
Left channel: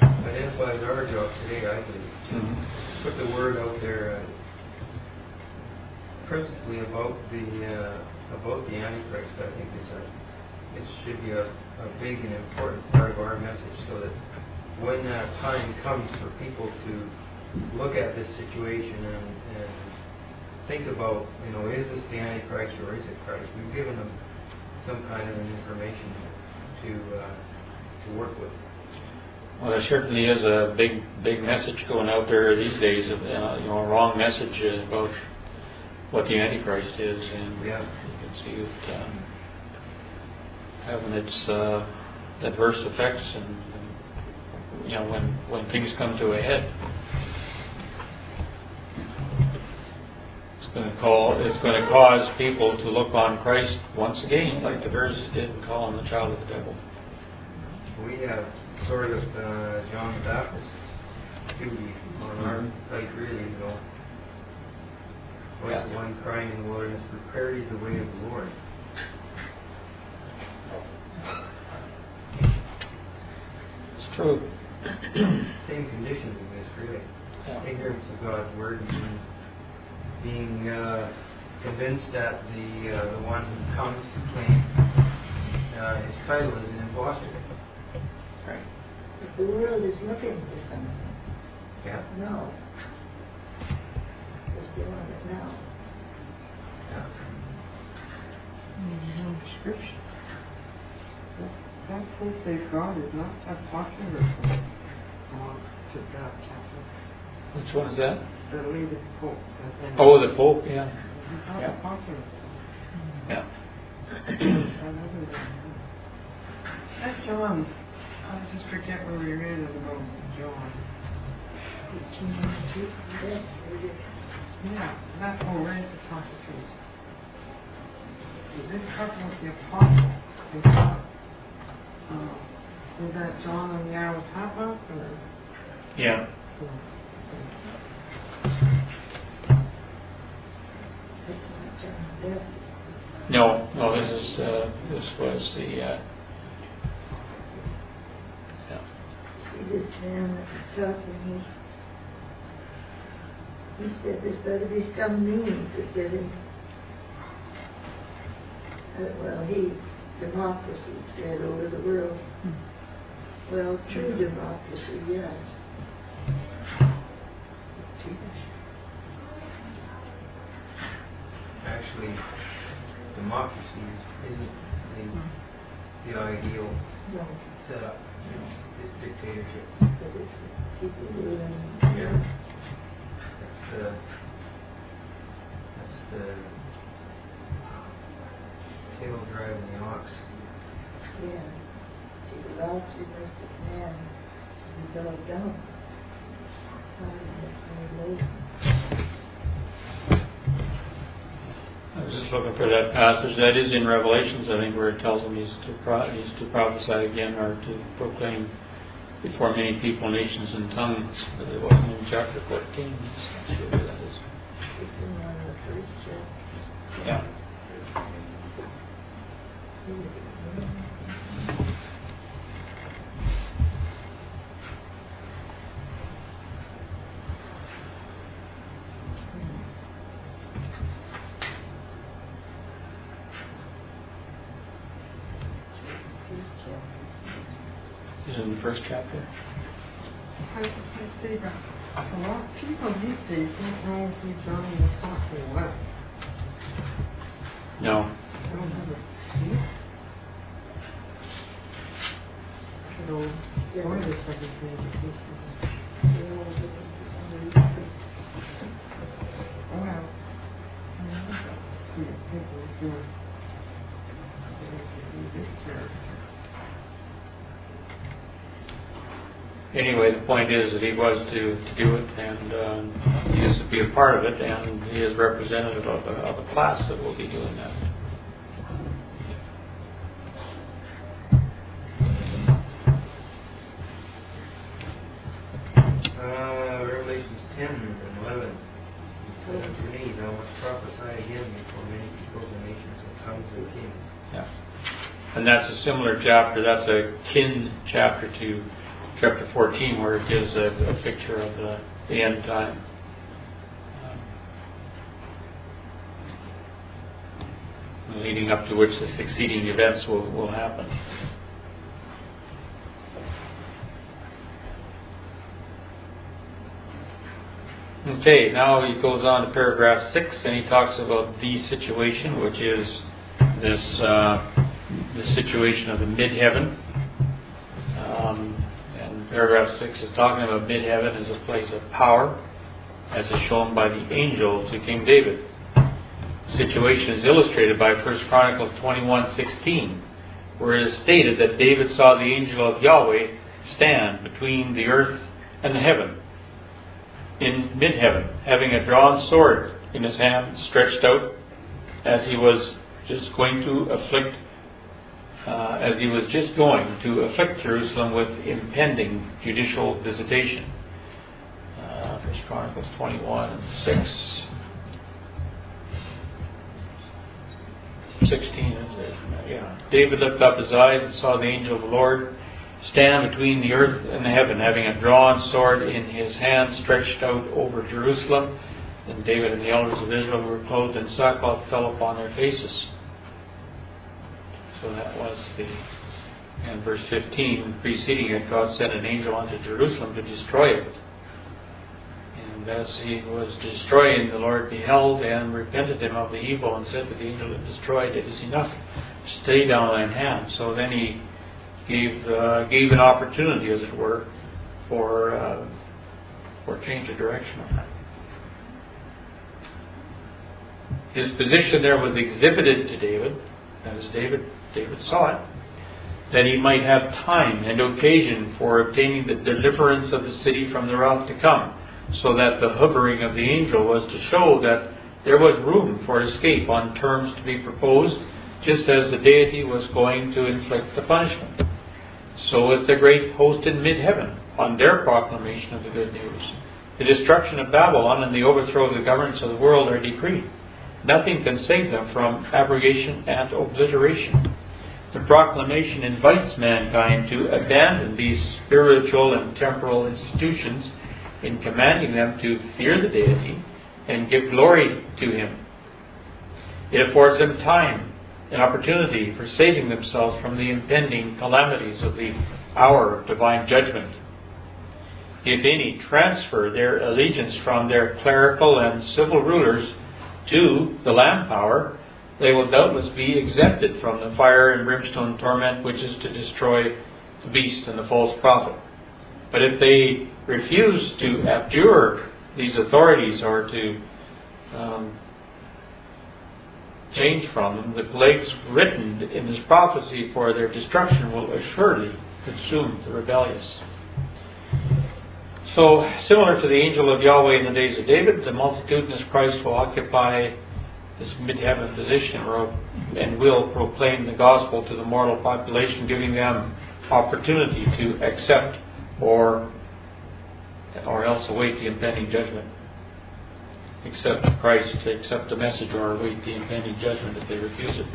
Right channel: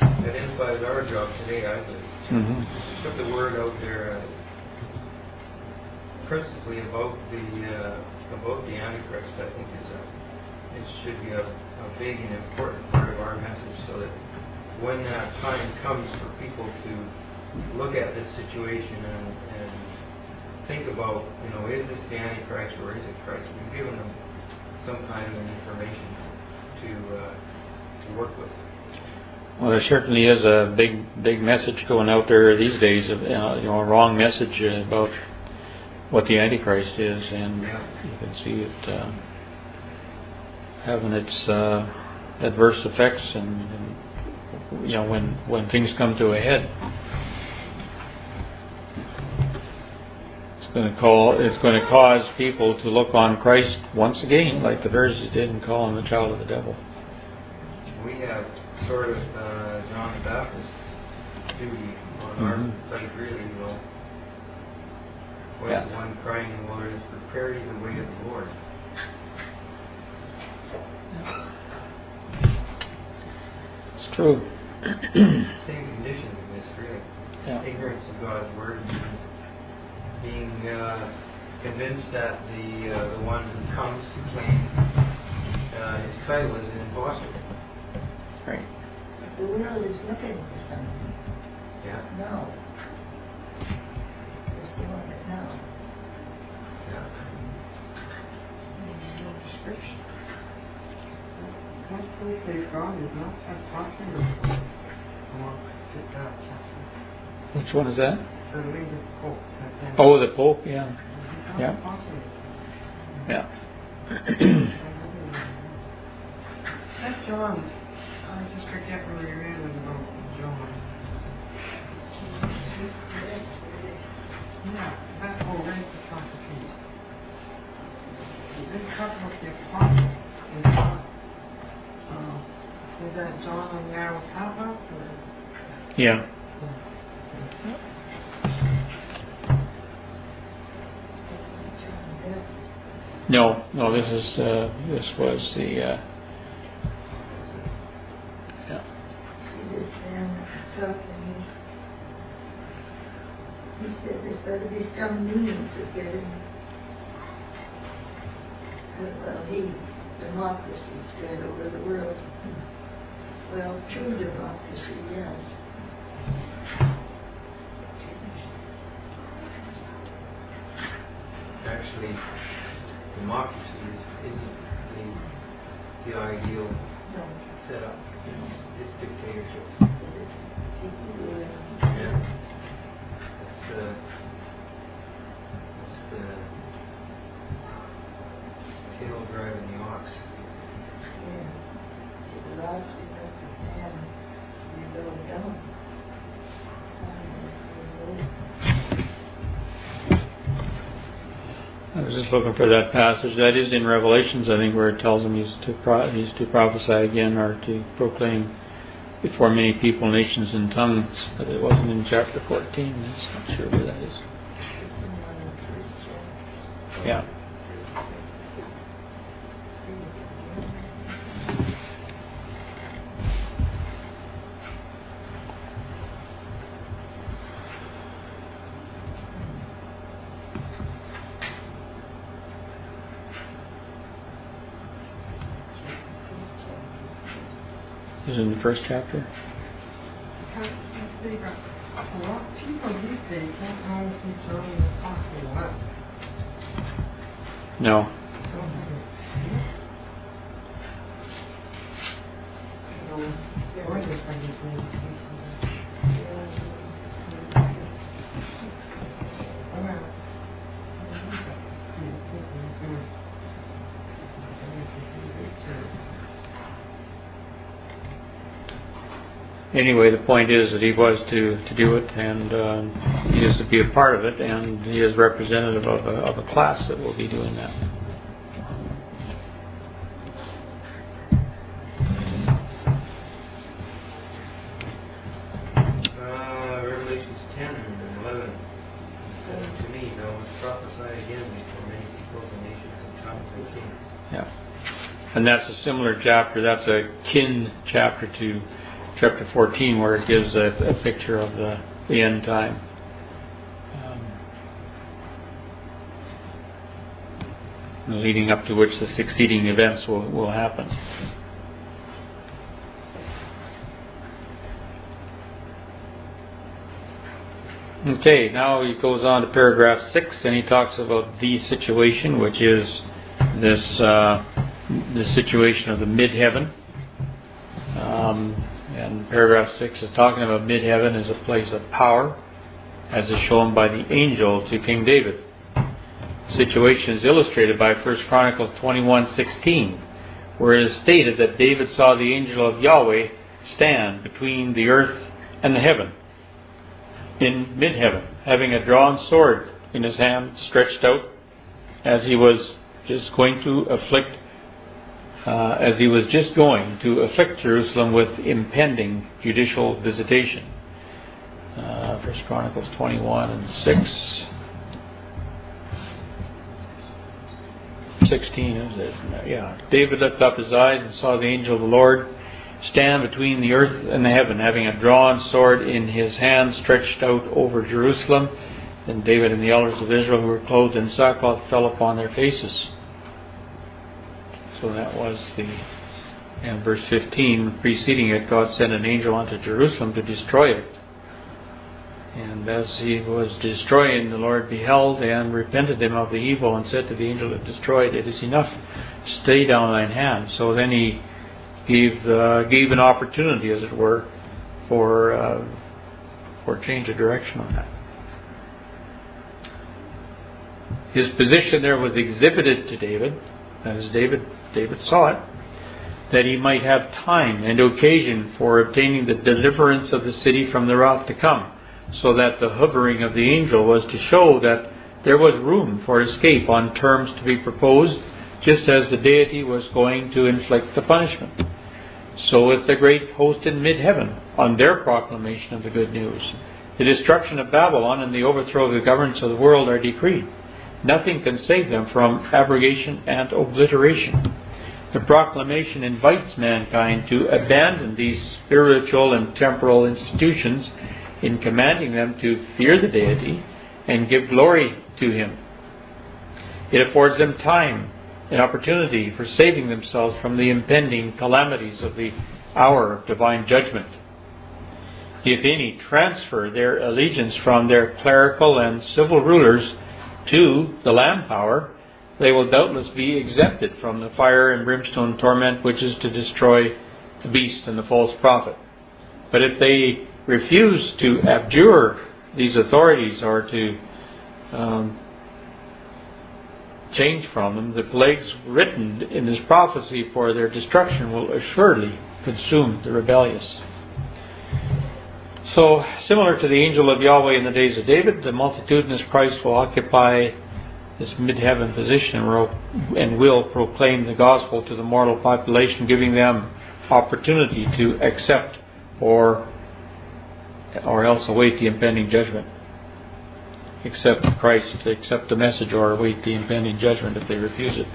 Identifies our job today, I believe. Put the word out there, principally about the Antichrist. I think it should be a big and important part of our message, so that when that time comes for people to look at this situation and think about, is this the Antichrist or is it Christ? We've given them some kind of an information to work with. Well, there certainly is a big message going out there these days, a wrong message about what the Antichrist is, and you can see it having its adverse effects, and when things come to a head. it's going to cause people to look on Christ once again, like the Pharisees did, and call him the child of the devil. We have sort of John the Baptist's duty on our plate, really, you know. Voice of one crying in the wilderness, prepare ye the way of the Lord. It's true. Same conditions in this, really. Yeah. Ignorance of God's word and being convinced that the one who comes to claim his title is an impostor. Right. But the world is looking for something. Yeah. No. They want it now. Yeah. No description. That proof that God is not that popular. I want to put that chapter. Which one is that? The latest Pope. Oh, the Pope, yeah. He's not Yeah. that popular. Yeah. That John, I just forget where we read it about John. Yeah, that right at the top of the page. It didn't talk about the apostle. It talked, is that John on the Isle of Patmos, or is it? Yeah. That's not John Depp. No, this was the yeah. See this man that was talking, he said there's got to be some means of getting, democracy spread over the world. Well, true democracy, yes. Actually, democracy isn't the ideal No, setup. It's dictatorship. but it's people who are in, Yeah. That's the tail driving the ox. yeah. See, the loftiness of man, you go down. I was just looking for that passage. That is in Revelations, I think, where it tells him he's to prophesy again or to proclaim before many people, nations, and tongues. But it wasn't in chapter 14. I'm not sure where that is. It's in one of the first chapters. Yeah. Is it in the first chapter? Because see, but a lot of people these days don't know who John the Apostle was. No. They don't have a clue. So, boy, this like it's an education. Well, I know that people do it. This church. Anyway, the point is that he was to do it, and he is to be a part of it, and he is representative of a class that will be doing that. Revelations 10 and 11. He said unto me, thou must prophesy again before many peoples and nations and tongues and kings. Yeah. And that's a similar chapter. That's a kin chapter to chapter 14, where it gives a picture of the end time. Leading up to which the succeeding events will happen. Okay, now he goes on to paragraph 6, and he talks about the situation, which is this the situation of the mid-heaven. And paragraph 6 is talking about mid-heaven as a place of power, as is shown by the angel to King David. The situation is illustrated by 1 Chronicles 21:16, where it is stated that David saw the angel of Yahweh stand between the earth and the heaven, in mid-heaven, having a drawn sword in his hand, stretched out, as he was just going to afflict Jerusalem with impending judicial visitation. 1 Chronicles 21 and 6. 16 is it? Yeah. David lifted up his eyes and saw the angel of the Lord stand between the earth and the heaven, having a drawn sword in his hand, stretched out over Jerusalem. Then David and the elders of Israel, who were clothed in sackcloth, fell upon their faces. So that was and verse 15, preceding it, God sent an angel unto Jerusalem to destroy it. And as he was destroying, the Lord beheld and repented him of the evil, and said to the angel that destroyed, It is enough, stay down thine hand. So then he gave an opportunity, as it were, for change of direction on that. His position there was exhibited to David, as David saw it, that he might have time and occasion for obtaining the deliverance of the city from the wrath to come, so that the hovering of the angel was to show that there was room for escape on terms to be proposed, just as the Deity was going to inflict the punishment. So with the great host in mid-heaven, on their proclamation of the good news, the destruction of Babylon and the overthrow of the governments of the world are decreed. Nothing can save them from abrogation and obliteration. The proclamation invites mankind to abandon these spiritual and temporal institutions, in commanding them to fear the Deity and give glory to Him. It affords them time and opportunity for saving themselves from the impending calamities of the hour of divine judgment. If any transfer their allegiance from their clerical and civil rulers to the Lamb power, they will doubtless be exempted from the fire and brimstone torment which is to destroy the beast and the false prophet. But if they refuse to abjure these authorities or to change from them, the plagues written in this prophecy for their destruction will assuredly consume the rebellious. So, similar to the angel of Yahweh in the days of David, the multitudinous Christ will occupy this mid-heaven position and will proclaim the gospel to the mortal population, giving them opportunity to accept or else await the impending judgment. Accept Christ, accept the message, or await the impending judgment if they refuse it.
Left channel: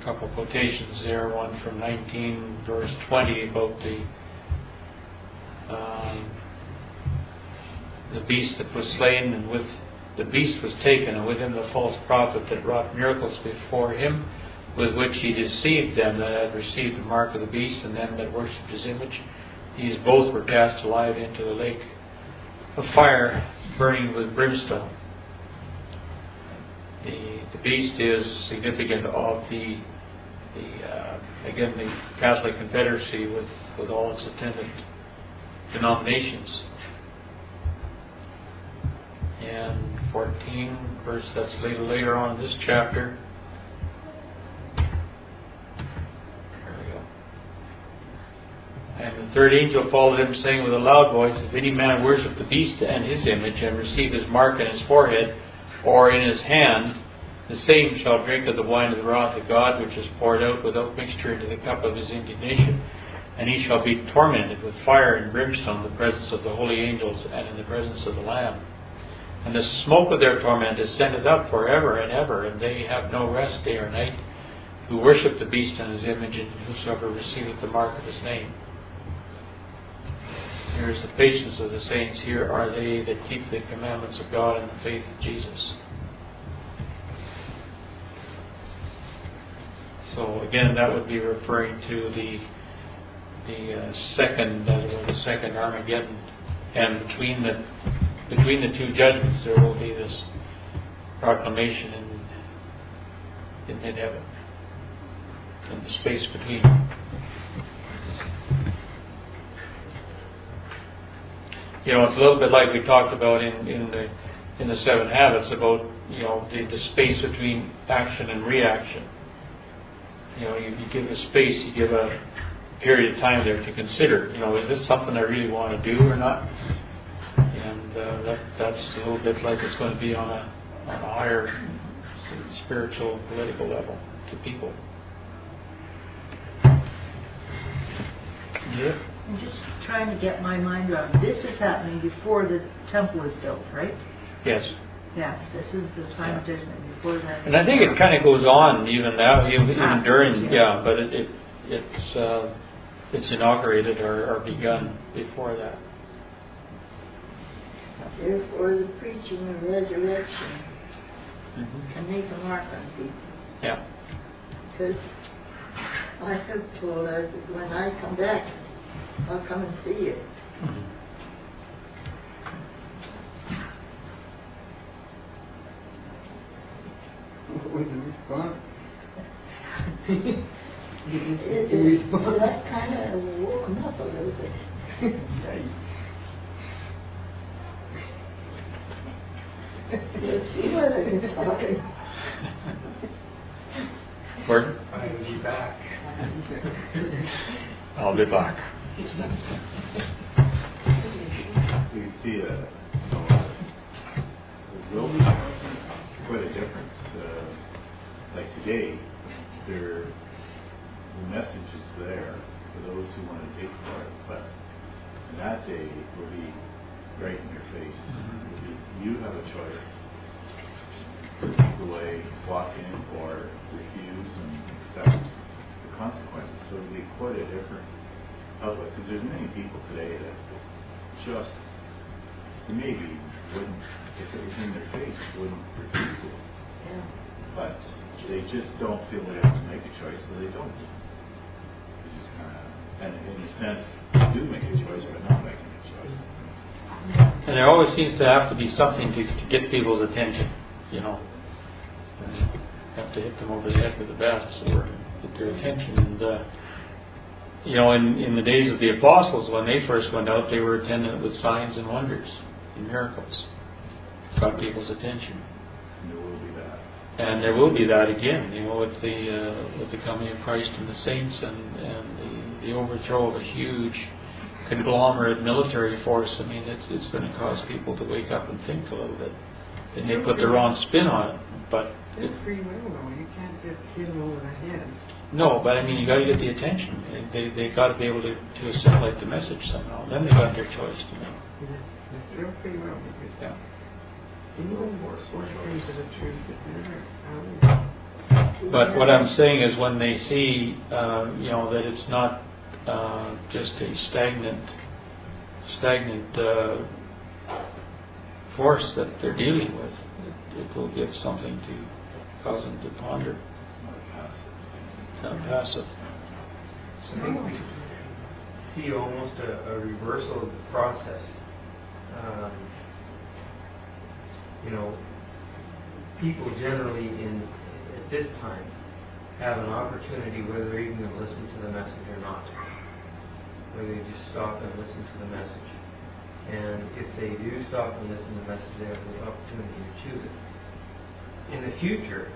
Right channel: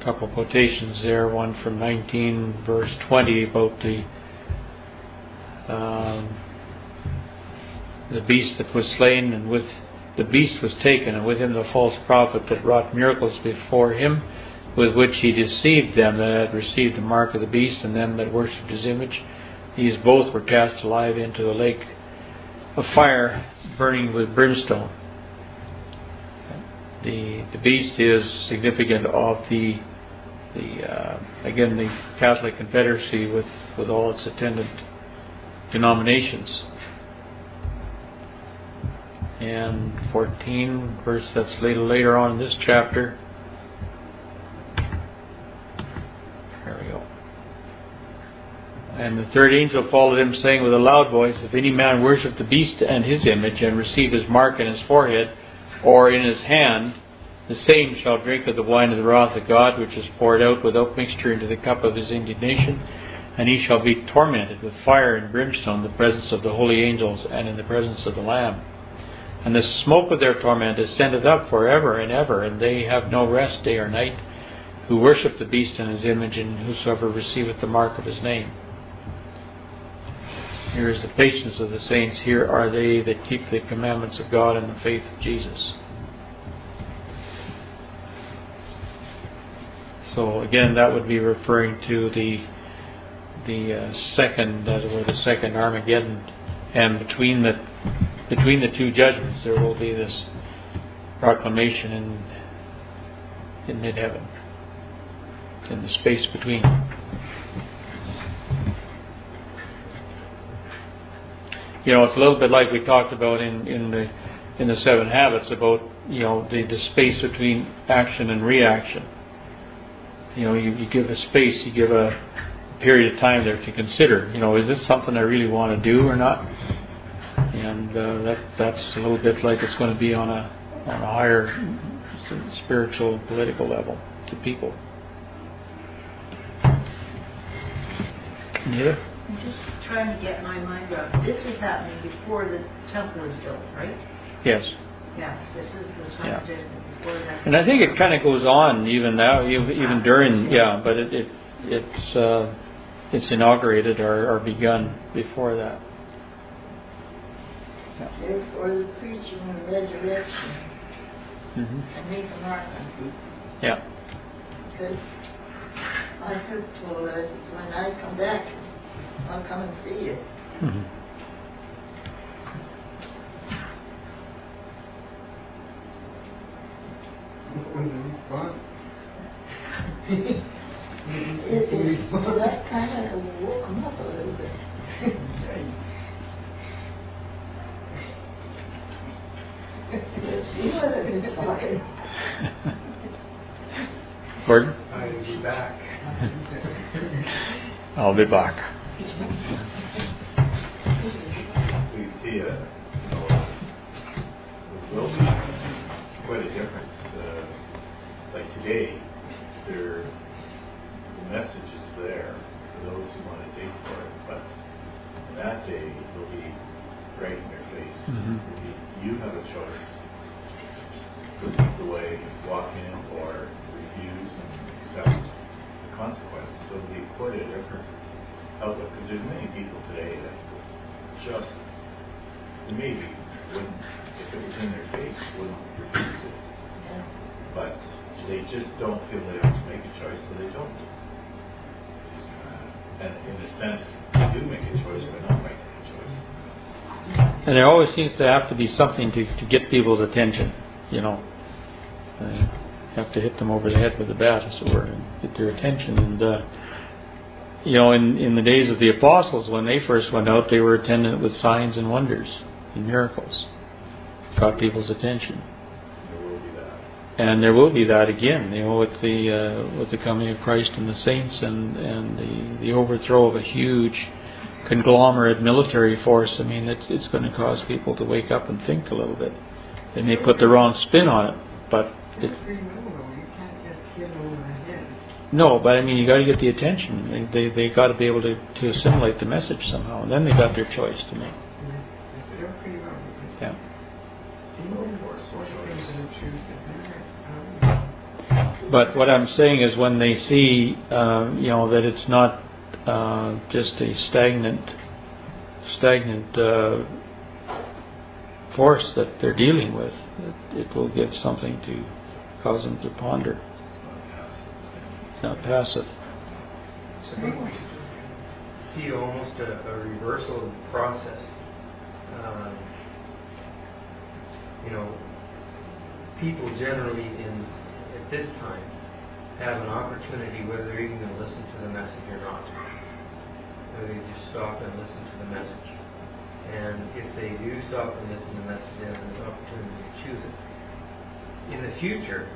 A couple of quotations there, one from 19 verse 20 about the beast that was slain, and with the beast was taken, and with him the false prophet that wrought miracles before him, with which he deceived them that had received the mark of the beast, and them that worshipped his image. These both were cast alive into the lake of fire, burning with brimstone. The beast is significant of the Catholic Confederacy with all its attendant denominations. And 14 verse, that's later on in this chapter. There we go. And the third angel followed him, saying with a loud voice, If any man worship the beast and his image, and receive his mark in his forehead or in his hand, the same shall drink of the wine of the wrath of God, which is poured out without mixture into the cup of his indignation, and he shall be tormented with fire and brimstone in the presence of the holy angels and in the presence of the Lamb. And the smoke of their torment is sendeth up forever and ever, and they have no rest day or night, who worship the beast and his image, and whosoever receiveth the mark of his name. Here is the patience of the saints. Here are they that keep the commandments of God and the faith of Jesus. So again, that would be referring to the second Armageddon, and between the two judgments there will be this proclamation in mid-heaven, in the space between. You know, it's a little bit like we talked about in the 7 habits about, you know, the space between action and reaction. You know, you give a space, you give a period of time there to consider. You know, is this something I really want to do or not? And that's a little bit like it's going to be on a higher spiritual and political level to people. Neither? I'm just trying to get my mind around. This is happening before the temple is built, right? Yes. Yes, this is the time of judgment before that. And I think it kind of goes on even now, even during, but it's inaugurated or begun before that. Therefore, the preaching of resurrection Mm-hmm. can make a mark on people. Yeah. Because I have told us that when I come back, I'll come and see you. Mm-hmm. What was the response? That kind of woke him up a little bit. Yes, you would have been sorry. Gordon? I will be back. I'll be back. We see there will be quite a difference. Like today, the message is there for those who want to dig for it, but in that day, it will be right in your face. Mm-hmm. It'll be, you have a choice. Seek the way, walk in it, or refuse and accept the consequences. So it'll be quite a different outlook, because there's many people today that just maybe wouldn't, if it was in their face, wouldn't refuse it. Yeah. But they just don't feel they have to make a choice, so they don't. They just kind of, and in a sense, they do make a choice by not making a choice. And there always seems to have to be something to get people's attention, you know. You have to hit them over the head with a bat, as it were, and get their attention. And, you know, in the days of the apostles, when they first went out, they were attendant with signs and wonders and miracles. Got people's attention. And there will be that. And there will be that again, you know, with the coming of Christ and the saints and the overthrow of a huge conglomerate military force. I mean, it's going to cause people to wake up and think a little bit. They may put the wrong spin on it, but It's free will, though. You can't just hit them over the head. no. But I mean, you got to get the attention. They got to be able to assimilate the message somehow, and then they got their choice to make. Yeah, it's still free will because Yeah. even force things to the truth is never But what I'm saying is, when they see, you know, that it's not just a stagnant force that they're dealing with, it will give something to cause them to ponder. It's not passive. It's not passive. So I think we see almost a reversal of the process. You know, people generally at this time have an opportunity, whether they're even going to listen to the message or not, whether they just stop and listen to the message. And if they do stop and listen to the message, they have an opportunity to choose it. In the future,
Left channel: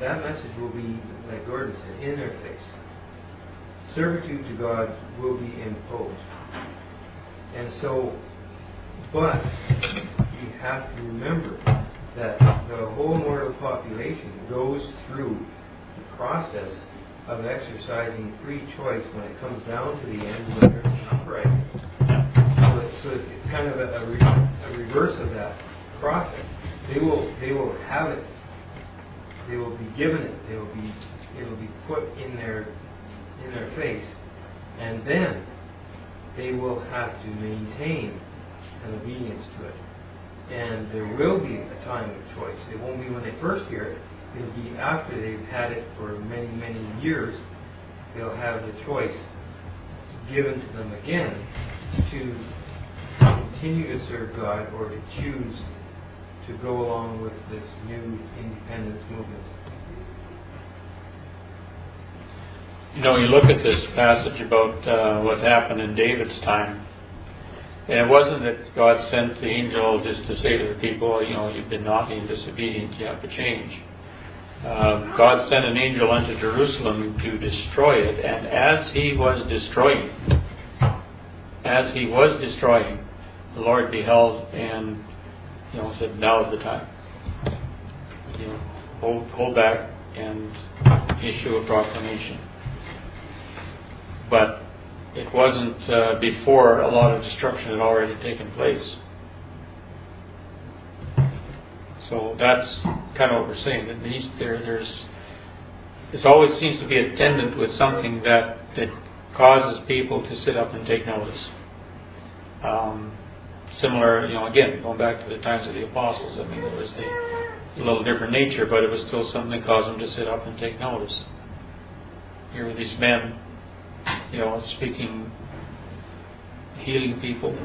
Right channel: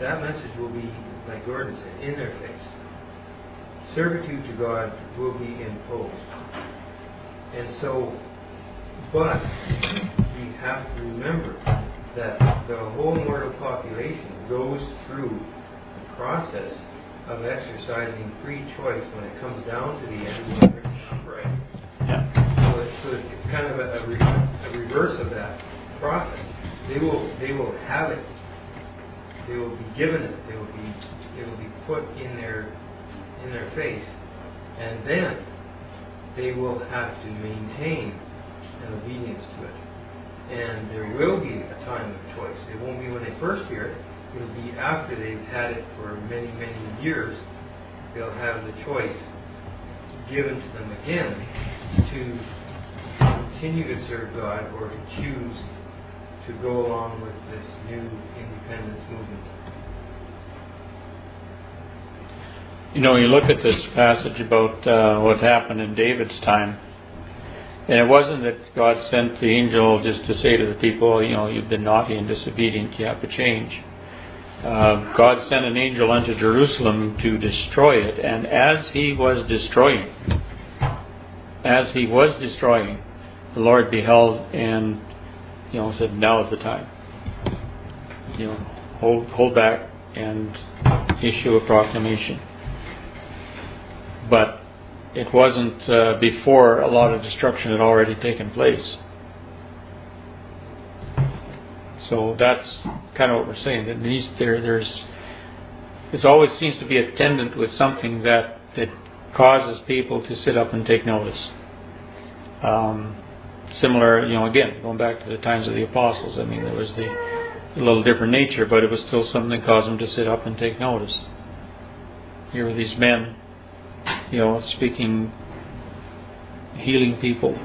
that message will be, like Gordon said, in their face. Servitude to God will be imposed. And so, but you have to remember that the whole mortal population goes through the process of exercising free choice when it comes down to the end, whether it's an upright. So it's kind of a reverse of that process. They will have it. They will be given it. It will be put in their face, and then they will have to maintain an obedience to it. And there will be a time of choice. It won't be when they first hear it. It'll be after they've had it for many, many years. They'll have the choice given to them again to continue to serve God or to choose to go along with this new independence movement. You know, you look at this passage about what happened in David's time, and it wasn't that God sent the angel just to say to the people, you know, you've been naughty and disobedient, you have to change. God sent an angel unto Jerusalem to destroy it, and as he was destroying, the Lord beheld and, said, now is the time. Hold back and issue a proclamation. But it wasn't before a lot of destruction had already taken place. So that's kind of what we're saying. That it always seems to be attendant with something that causes people to sit up and take notice. Similar, again, going back to the times of the apostles. I mean, there was a little different nature, but it was still something that caused them to sit up and take notice. Here were these men, speaking, healing people,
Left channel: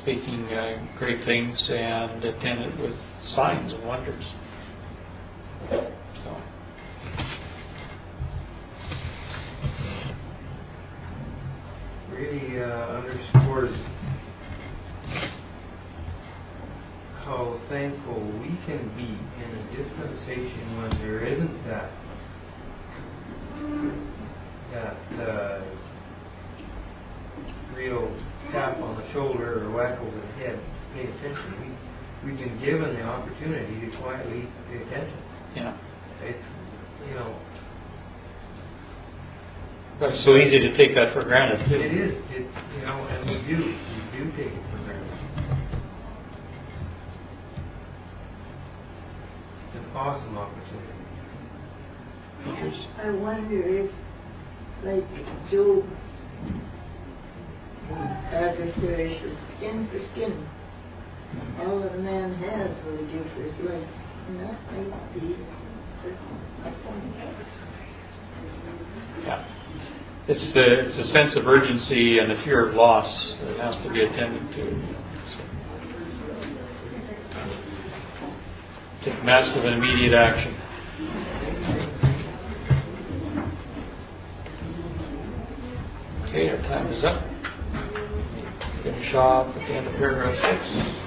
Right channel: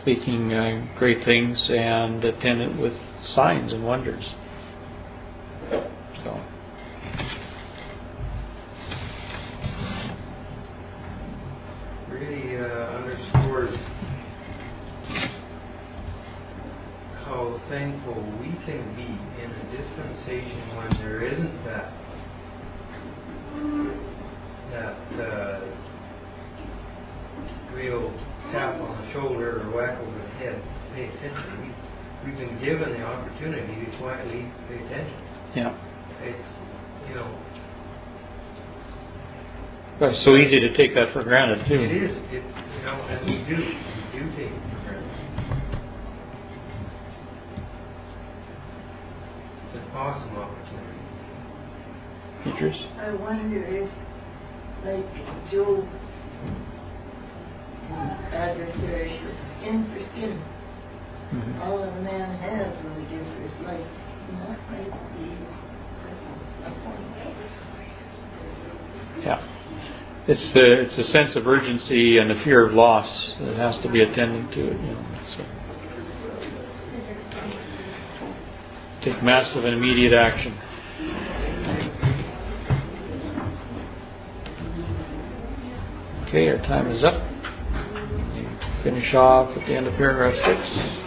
speaking great things, and attendant with signs and wonders. So, really underscores how thankful we can be in a dispensation when there isn't that real tap on the shoulder or whack over the head to pay attention. We've been given the opportunity to quietly pay attention. yeah. It's, It's so easy to take that for granted, too. it is, and we do take it for granted. It's an awesome opportunity. Features? I wonder if, like Job, adversaries was skin for skin. Mm-hmm. All that a man has will he give for his life. And that might be a point. Yeah. It's a sense of urgency and a fear of loss that has to be attended to it. So. Take massive and immediate action. Okay, our time is up. Finish off at the end of paragraph 6.